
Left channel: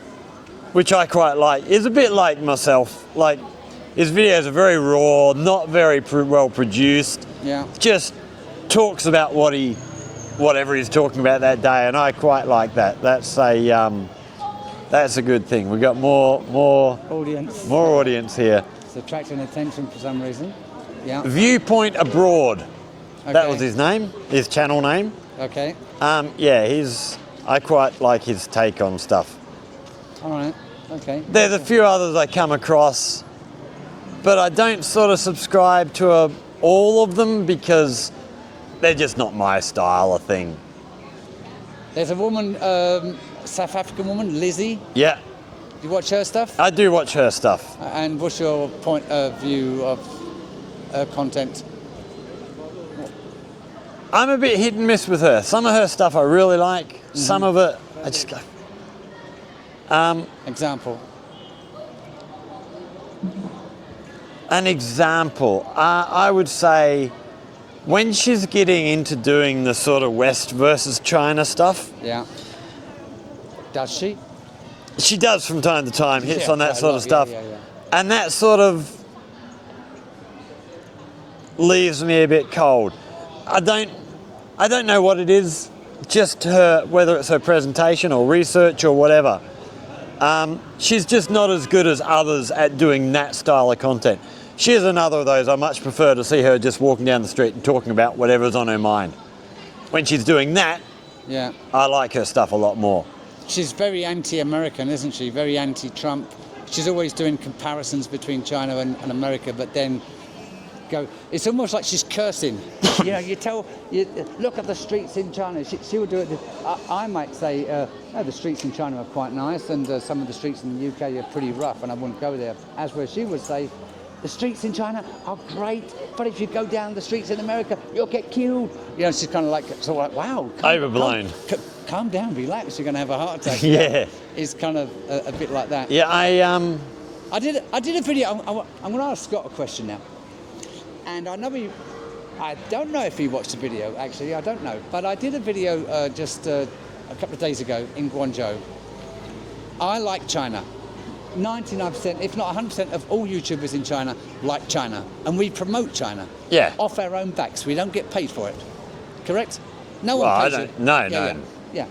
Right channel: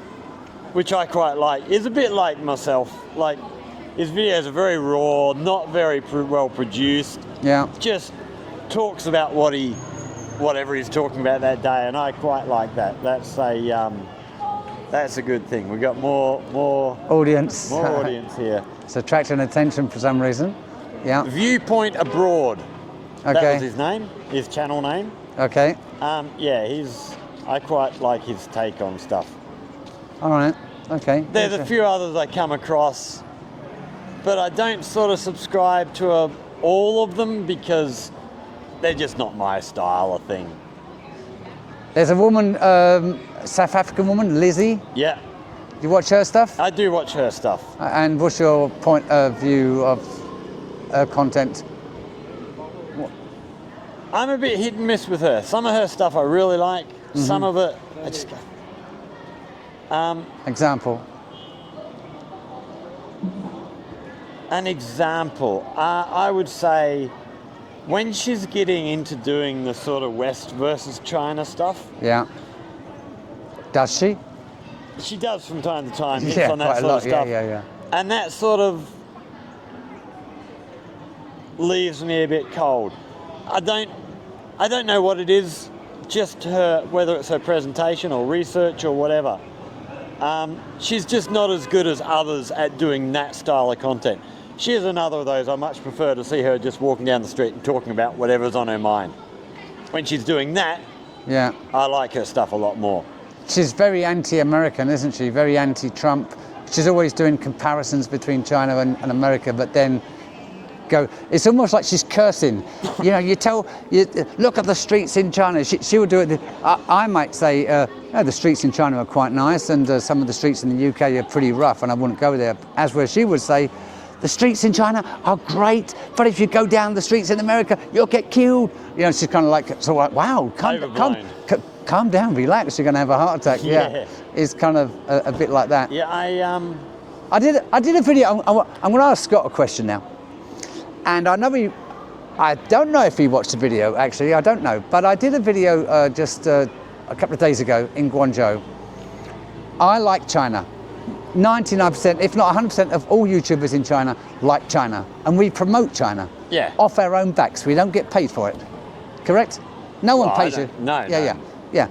which I quite like. He's a bit like myself. Like, his videos are very raw, not very well produced. Yeah. Just talks about whatever he's talking about that day, and I quite like that. That's a good thing. We've got more Audience. More audience here. It's attracting attention for some reason. Yeah. Viewpoint Abroad. Okay. That was his name, his channel name. Okay. I quite like his take on stuff. All right. Okay. There's a few others I come across, but I don't sort of subscribe to all of them because they're just not my style of thing. There's a woman, South African woman, Lizzie. Yeah, You watch her stuff? I do watch her stuff. And what's your point of view of her content? I'm a bit hit and miss with her. Some of her stuff I really like. Some of it I just go. Example. An example, I would say when she's getting into doing the sort of West versus China stuff, Yeah. Does she? she does from time to time, hits Yeah, on that quite a sort lot, of stuff. yeah. And that sort of leaves me a bit cold. I don't know what it is, just her, whether it's her presentation or research or whatever. She's just not as good as others at doing that style of content. She's another of those. I much prefer to see her just walking down the street and talking about whatever's on her mind. When she's doing that, Yeah. I like her stuff a lot more. She's very anti-American, isn't she? Very anti-Trump. She's always doing comparisons between China and America, but then it's almost like she's cursing. You know, you look at the streets in China. She would do it. I might say, the streets in China are quite nice, and some of the streets in the UK are pretty rough, and I wouldn't go there. As where she would say, the streets in China are great, but if you go down the streets in America, you'll get killed. You know, she's kind of like, so like, wow, Overblown. calm down, relax. You're going to have a heart attack. Yeah. It's kind of a bit like that. Yeah, I did a video. I'm going to ask Scott a question now. And I don't know if he watched the video, actually, I don't know. But I did a video just a couple of days ago in Guangzhou. I like China. 99%, if not 100% of all YouTubers in China like China. And we promote China. Yeah. Off our own backs. We don't get paid for it. Correct? No one Well, I pays don't- you. no, Yeah, no. yeah.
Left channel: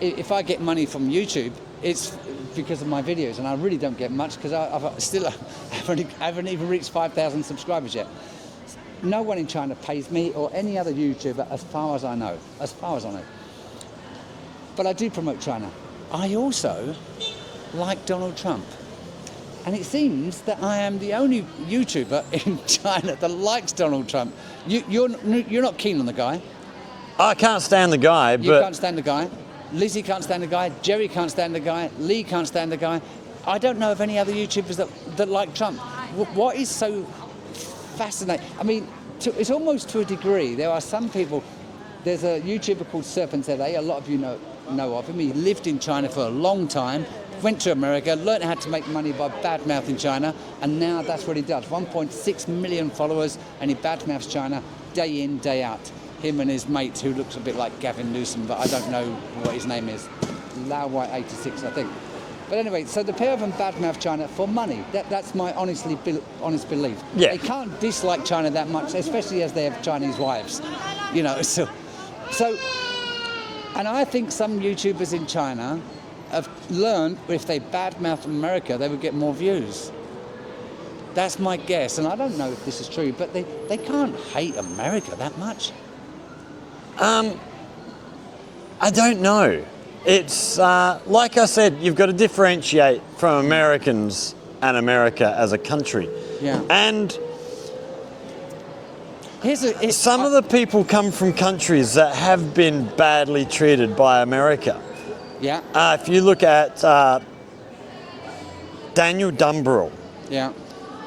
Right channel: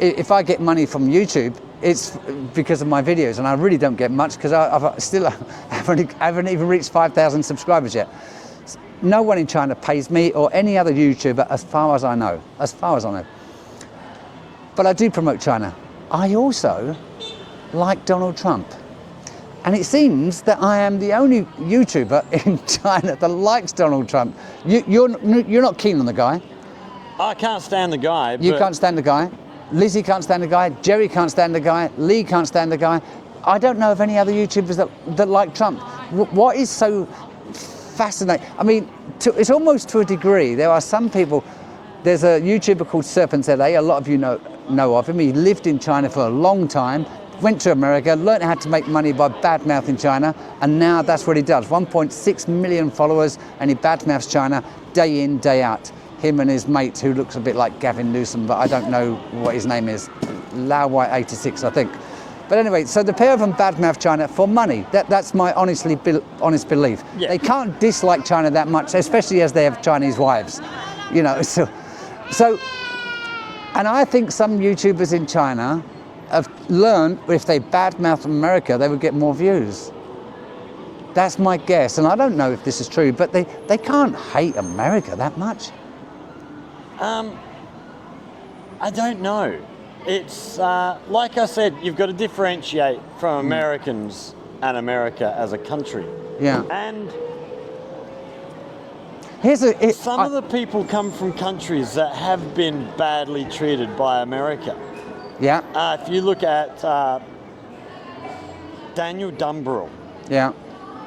If I get money from YouTube, it's because of my videos, and I really don't get much because I still haven't even reached 5,000 subscribers yet. No one in China pays me or any other YouTuber, as far as I know. As far as I know. But I do promote China. I also like Donald Trump, and it seems that I am the only YouTuber in China that likes Donald Trump. You're not keen on the guy. I can't stand the guy, You but can't stand the guy. Lizzie can't stand the guy. Jerry can't stand the guy. Lee can't stand the guy. I don't know of any other YouTubers that like Trump. What is so fascinating? I mean, it's almost to a degree. There are some people. There's a YouTuber called Serpent LA. A lot of you know of him. He lived in China for a long time. Went to America, learned how to make money by badmouthing China, and now that's what he does. 1.6 million followers, and he badmouths China day in, day out. Him and his mate, who looks a bit like Gavin Newsom, but I don't know what his name is. Lao White 86, I think. But anyway, so the pair of them badmouth China for money. That's my honest belief. Yeah. They can't dislike China that much, especially as they have Chinese wives. You know, so, and I think some YouTubers in China have learned if they badmouth America, they would get more views. That's my guess, and I don't know if this is true, but they can't hate America that much. I don't know. It's like I said, you've got to differentiate from Americans and America as a country. Yeah. And Here's some of the people come from countries that have been badly treated by America. Yeah, If you look at Daniel Dumbrell, yeah,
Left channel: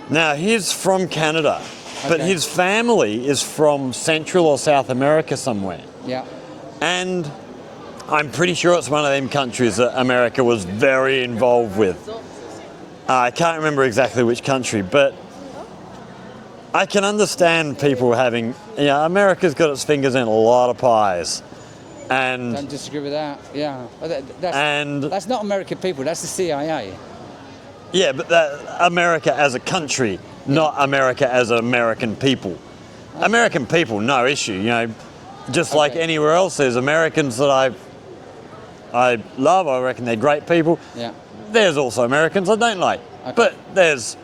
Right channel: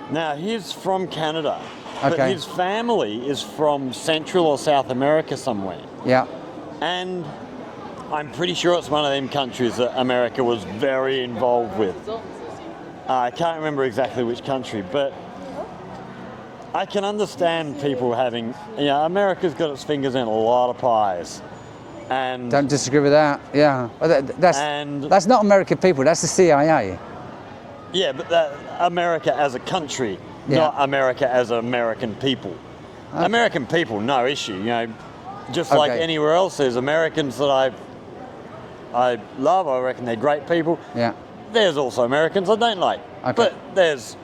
Now, he's from Canada, but Okay. his family is from Central or South America somewhere. Yeah. And I'm pretty sure it's one of them countries that America was very involved with. I can't remember exactly which country, but I can understand people having, America's got its fingers in a lot of pies. And Don't disagree with that. Yeah. Well, And- that's not American people. That's the CIA. yeah, but America as a country, not America as American people. American people, no issue, just like Okay. anywhere else. There's Americans that I love, I reckon they're great people. Yeah. There's also Americans I don't like. Okay. But there's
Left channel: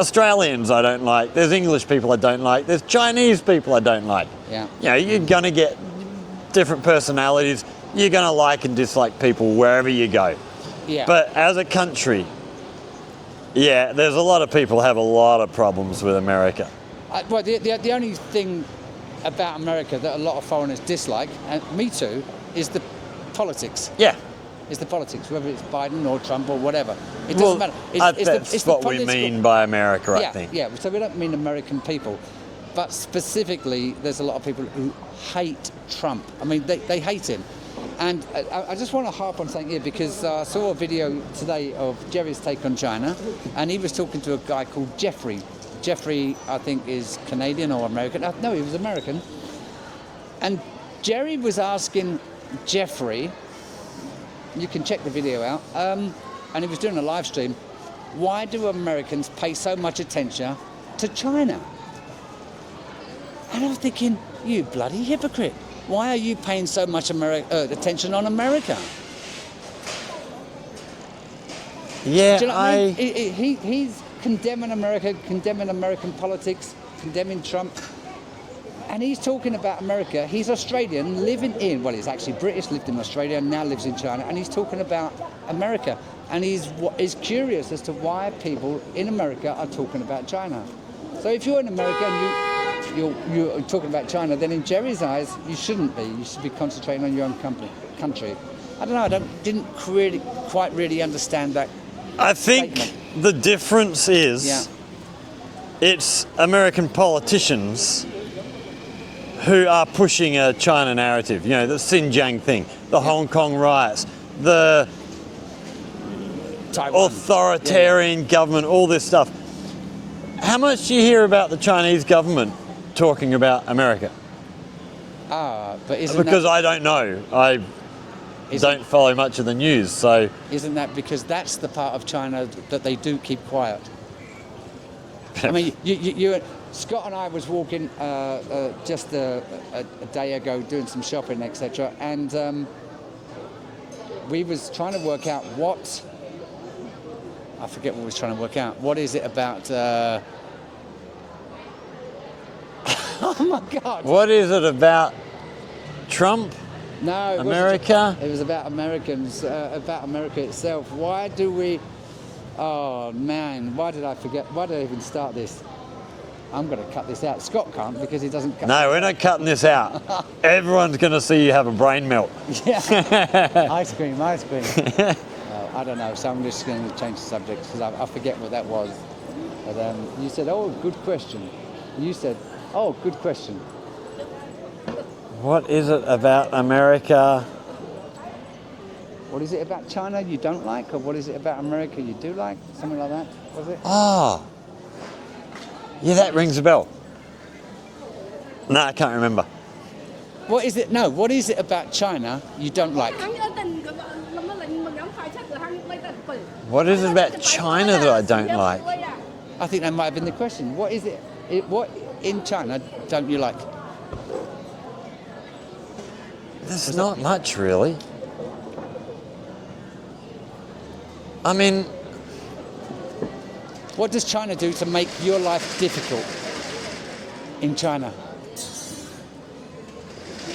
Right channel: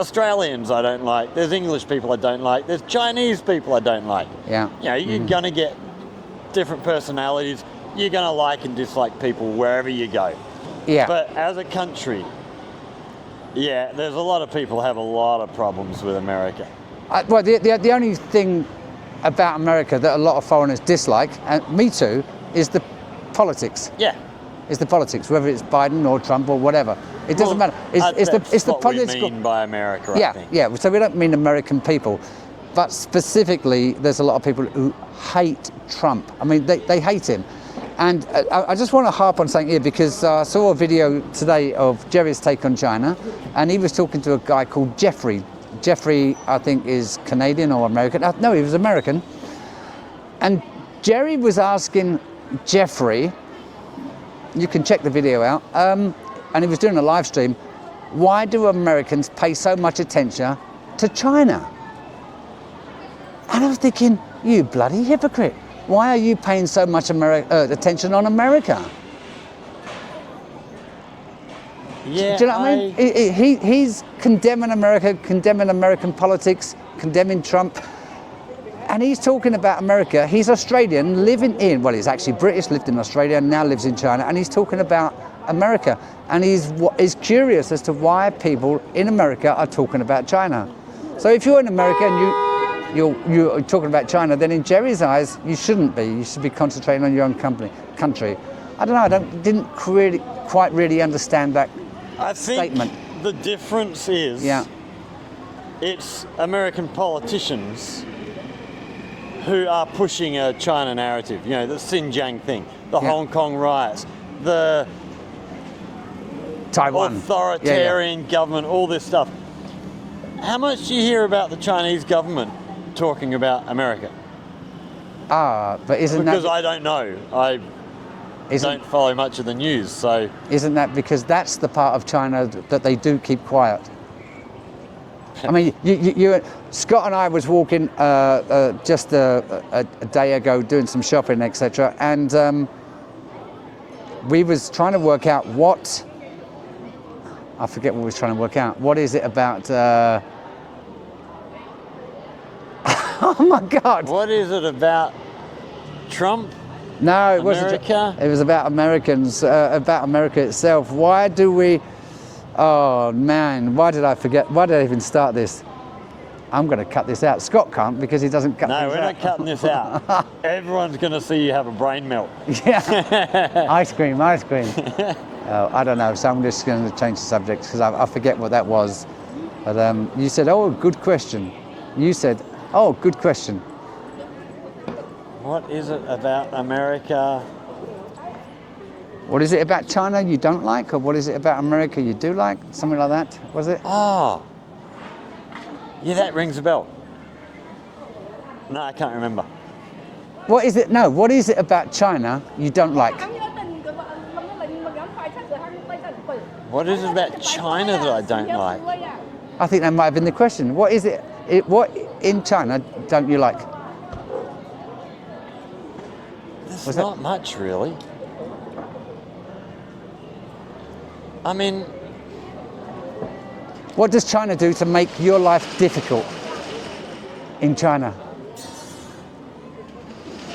Australians I don't like. There's English people I don't like. There's Chinese people I don't like. Yeah. You're going to get different personalities. You're going to like and dislike people wherever you go. Yeah. But as a country, there's a lot of people have a lot of problems with America. Well, the only thing about America that a lot of foreigners dislike, and me too, is the politics. Yeah. Is the politics, whether it's Biden or Trump or whatever. It doesn't matter. That's the what we mean by America, I think. Yeah. So we don't mean American people, but specifically, there's a lot of people who hate Trump. I mean, they hate him. And I just want to harp on something here because I saw a video today of Jerry's take on China, and he was talking to a guy called Jeffrey. Jeffrey, I think, is Canadian or American. No, he was American. And Jerry was asking Jeffrey, you can check the video out, and he was doing a live stream, why do Americans pay so much attention to China? And I was thinking, you bloody hypocrite. Why are you paying so much attention on America? Yeah, Do you know what I mean? He's condemning America, condemning American politics, condemning Trump. And he's talking about America. He's Australian, he's actually British, lived in Australia, and now lives in China. And he's talking about America. And he's curious as to why people in America are talking about China. So if you're in America and you're talking about China, then in Jerry's eyes, you shouldn't be. You should be concentrating on your own country. I don't know. Didn't quite really understand that. I think statement. the difference is it's American politicians who are pushing a China narrative, the Xinjiang thing, the Hong Kong riots, the Taiwan. authoritarian government, all this stuff. How much do you hear about the Chinese government talking about America? But Because I don't know. I don't follow much of the news, so... Isn't that because that's the part of China that they do keep quiet? I mean, Scott and I was walking just a day ago doing some shopping, etc. And we was trying to work out what... I forget what we was trying to work out. What is it about... oh my God! What is it about Trump? No, it wasn't. America? It was about Americans, about America itself. Why do we... Oh, man, why did I forget? Why did I even start this? I'm going to cut this out. Scott can't because he doesn't cut No, we're not cutting this out. Everyone's going to see you have a brain melt. Yeah. Ice cream. I don't know, so I'm just going to change the subject because I forget what that was. But you said, oh, good question. You said, oh, good question. What is it about America? What is it about China you don't like, or what is it about America you do like? Something like that, was it? Oh. Yeah, that rings a bell. No, I can't remember. What is it? No, what is it about China you don't like? What is it about China that I don't like? I think that might have been the question. What is it? What in China don't you like? There's not much, really. I mean... What does China do to make your life difficult in China?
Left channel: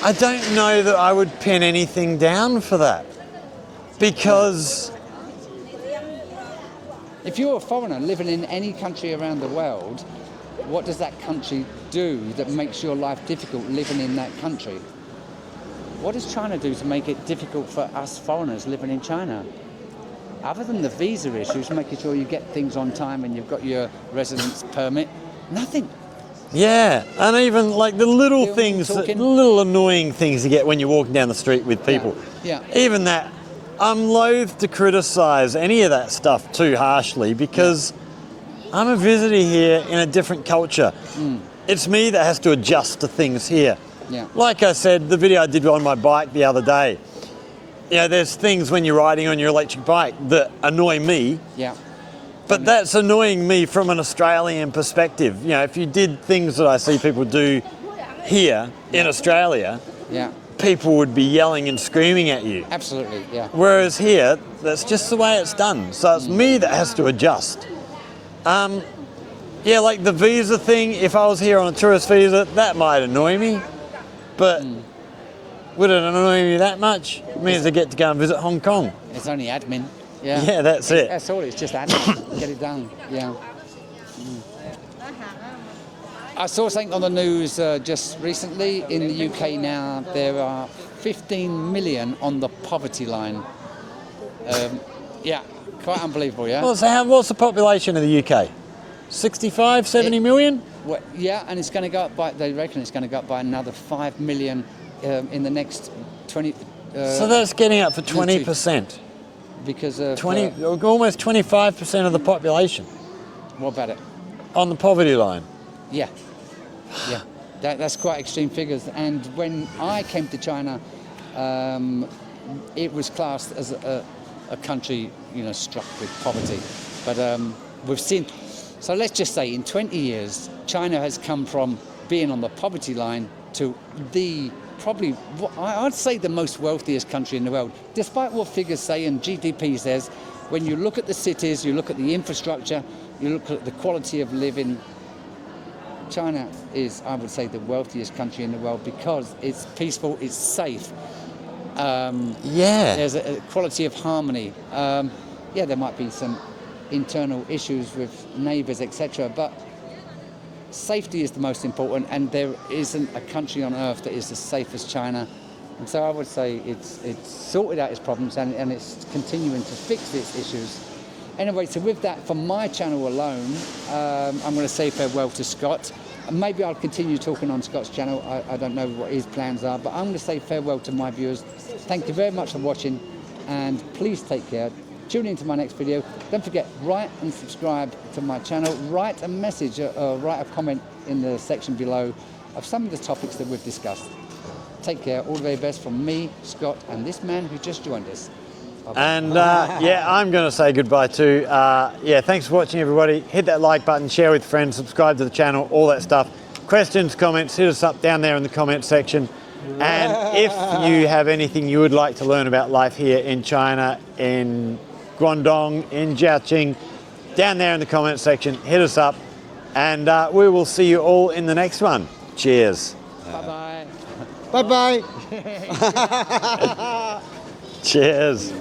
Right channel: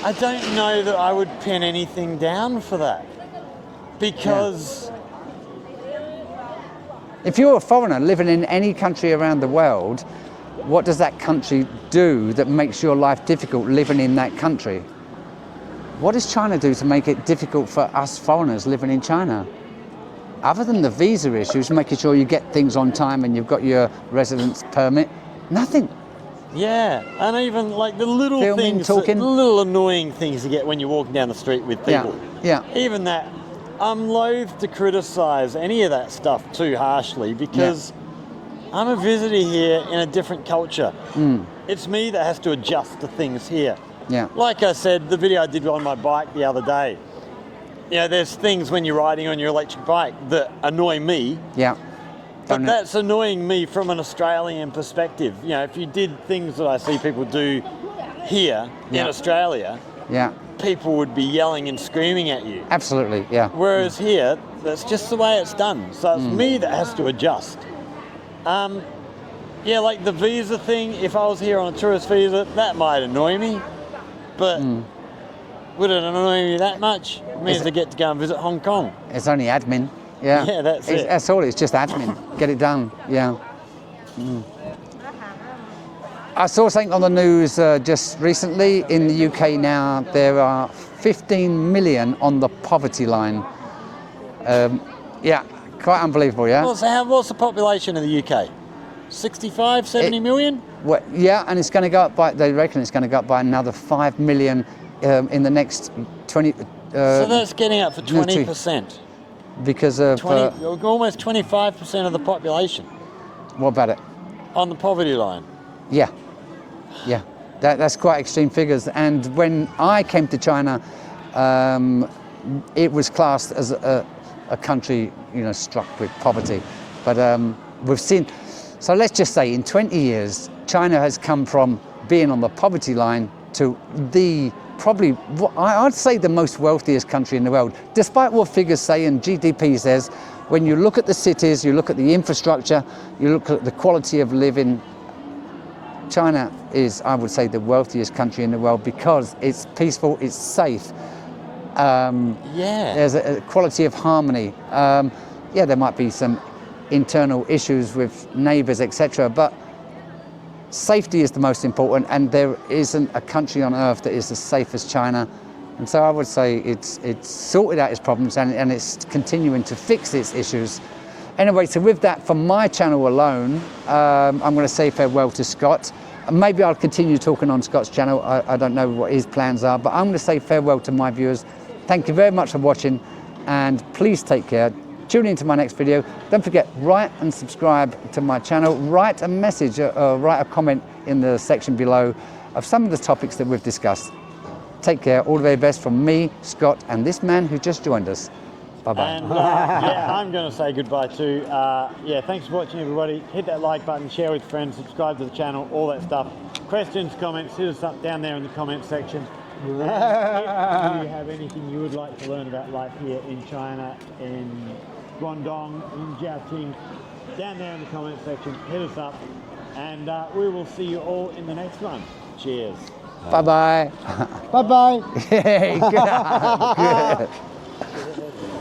I don't know that I would pin anything down for that. Because... If you're a foreigner living in any country around the world, what does that country do that makes your life difficult living in that country? What does China do to make it difficult for us foreigners living in China? other than the visa issues, making sure you get things on time and you've got your residence permit, nothing. Yeah, and even like the little Filming, things, the talking. little annoying things you get when you're walking down the street with people. Yeah. Even that, I'm loath to criticise any of that stuff too harshly because I'm a visitor here in a different culture. It's me that has to adjust to things here. Yeah. Like I said, the video I did on my bike the other day, there's things when you're riding on your electric bike that annoy me. Yeah. But that's annoying me from an Australian perspective. If you did things that I see people do here in Australia, people would be yelling and screaming at you. Absolutely, yeah. Whereas here, that's just the way it's done. So it's me that has to adjust. Like the visa thing, if I was here on a tourist visa, that might annoy me. But would it annoy me that much? It means I get to go and visit Hong Kong. It's only admin. Yeah. Yeah, that's it. That's all. It's just admin. Get it done. Yeah. I saw something on the news just recently. In the UK now, there are 15 million on the poverty line. Quite unbelievable. Yeah. Well, so what's the population of the UK? 65, 70 million? Well, yeah, and it's going to go up by. They reckon it's going to go up by another 5 million in the next 20. So that's getting up for 20%. Because of almost 25% of the population. What about it? On the poverty line. Yeah. That's quite extreme figures. And when I came to China, it was classed as a country, struck with poverty. But we've seen. So let's just say, in 20 years, China has come from being on the poverty line to probably, I'd say, the most wealthiest country in the world. Despite what figures say and GDP says, when you look at the cities, you look at the infrastructure, you look at the quality of living, China is, I would say, the wealthiest country in the world because it's peaceful, it's safe. There's a quality of harmony. There might be some internal issues with neighbours, etc., but safety is the most important, and there isn't a country on earth that is as safe as China. And so I would say it's sorted out its problems and it's continuing to fix its issues. Anyway, so with that, for my channel alone, I'm going to say farewell to Scott. Maybe I'll continue talking on Scott's channel. I don't know what his plans are, but I'm going to say farewell to my viewers. Thank you very much for watching, and please take care. Tune in to my next video. Don't forget, write and subscribe to my channel. Write a message or write a comment in the section below of some of the topics that we've discussed. Take care. All the very best from me, Scott, and this man who just joined us. Bye-bye. And I'm going to say goodbye too. Thanks for watching, everybody. Hit that like button, share with friends, subscribe to the channel, all that stuff. Questions, comments, hit us up down there in the comment section. And if you have anything you would like to learn about life here in China, in Guangdong, in Zhaoqing, down there in the comment section, hit us up, and we will see you all in the next one. Cheers. Bye-bye. Bye-bye. Good. Cheers.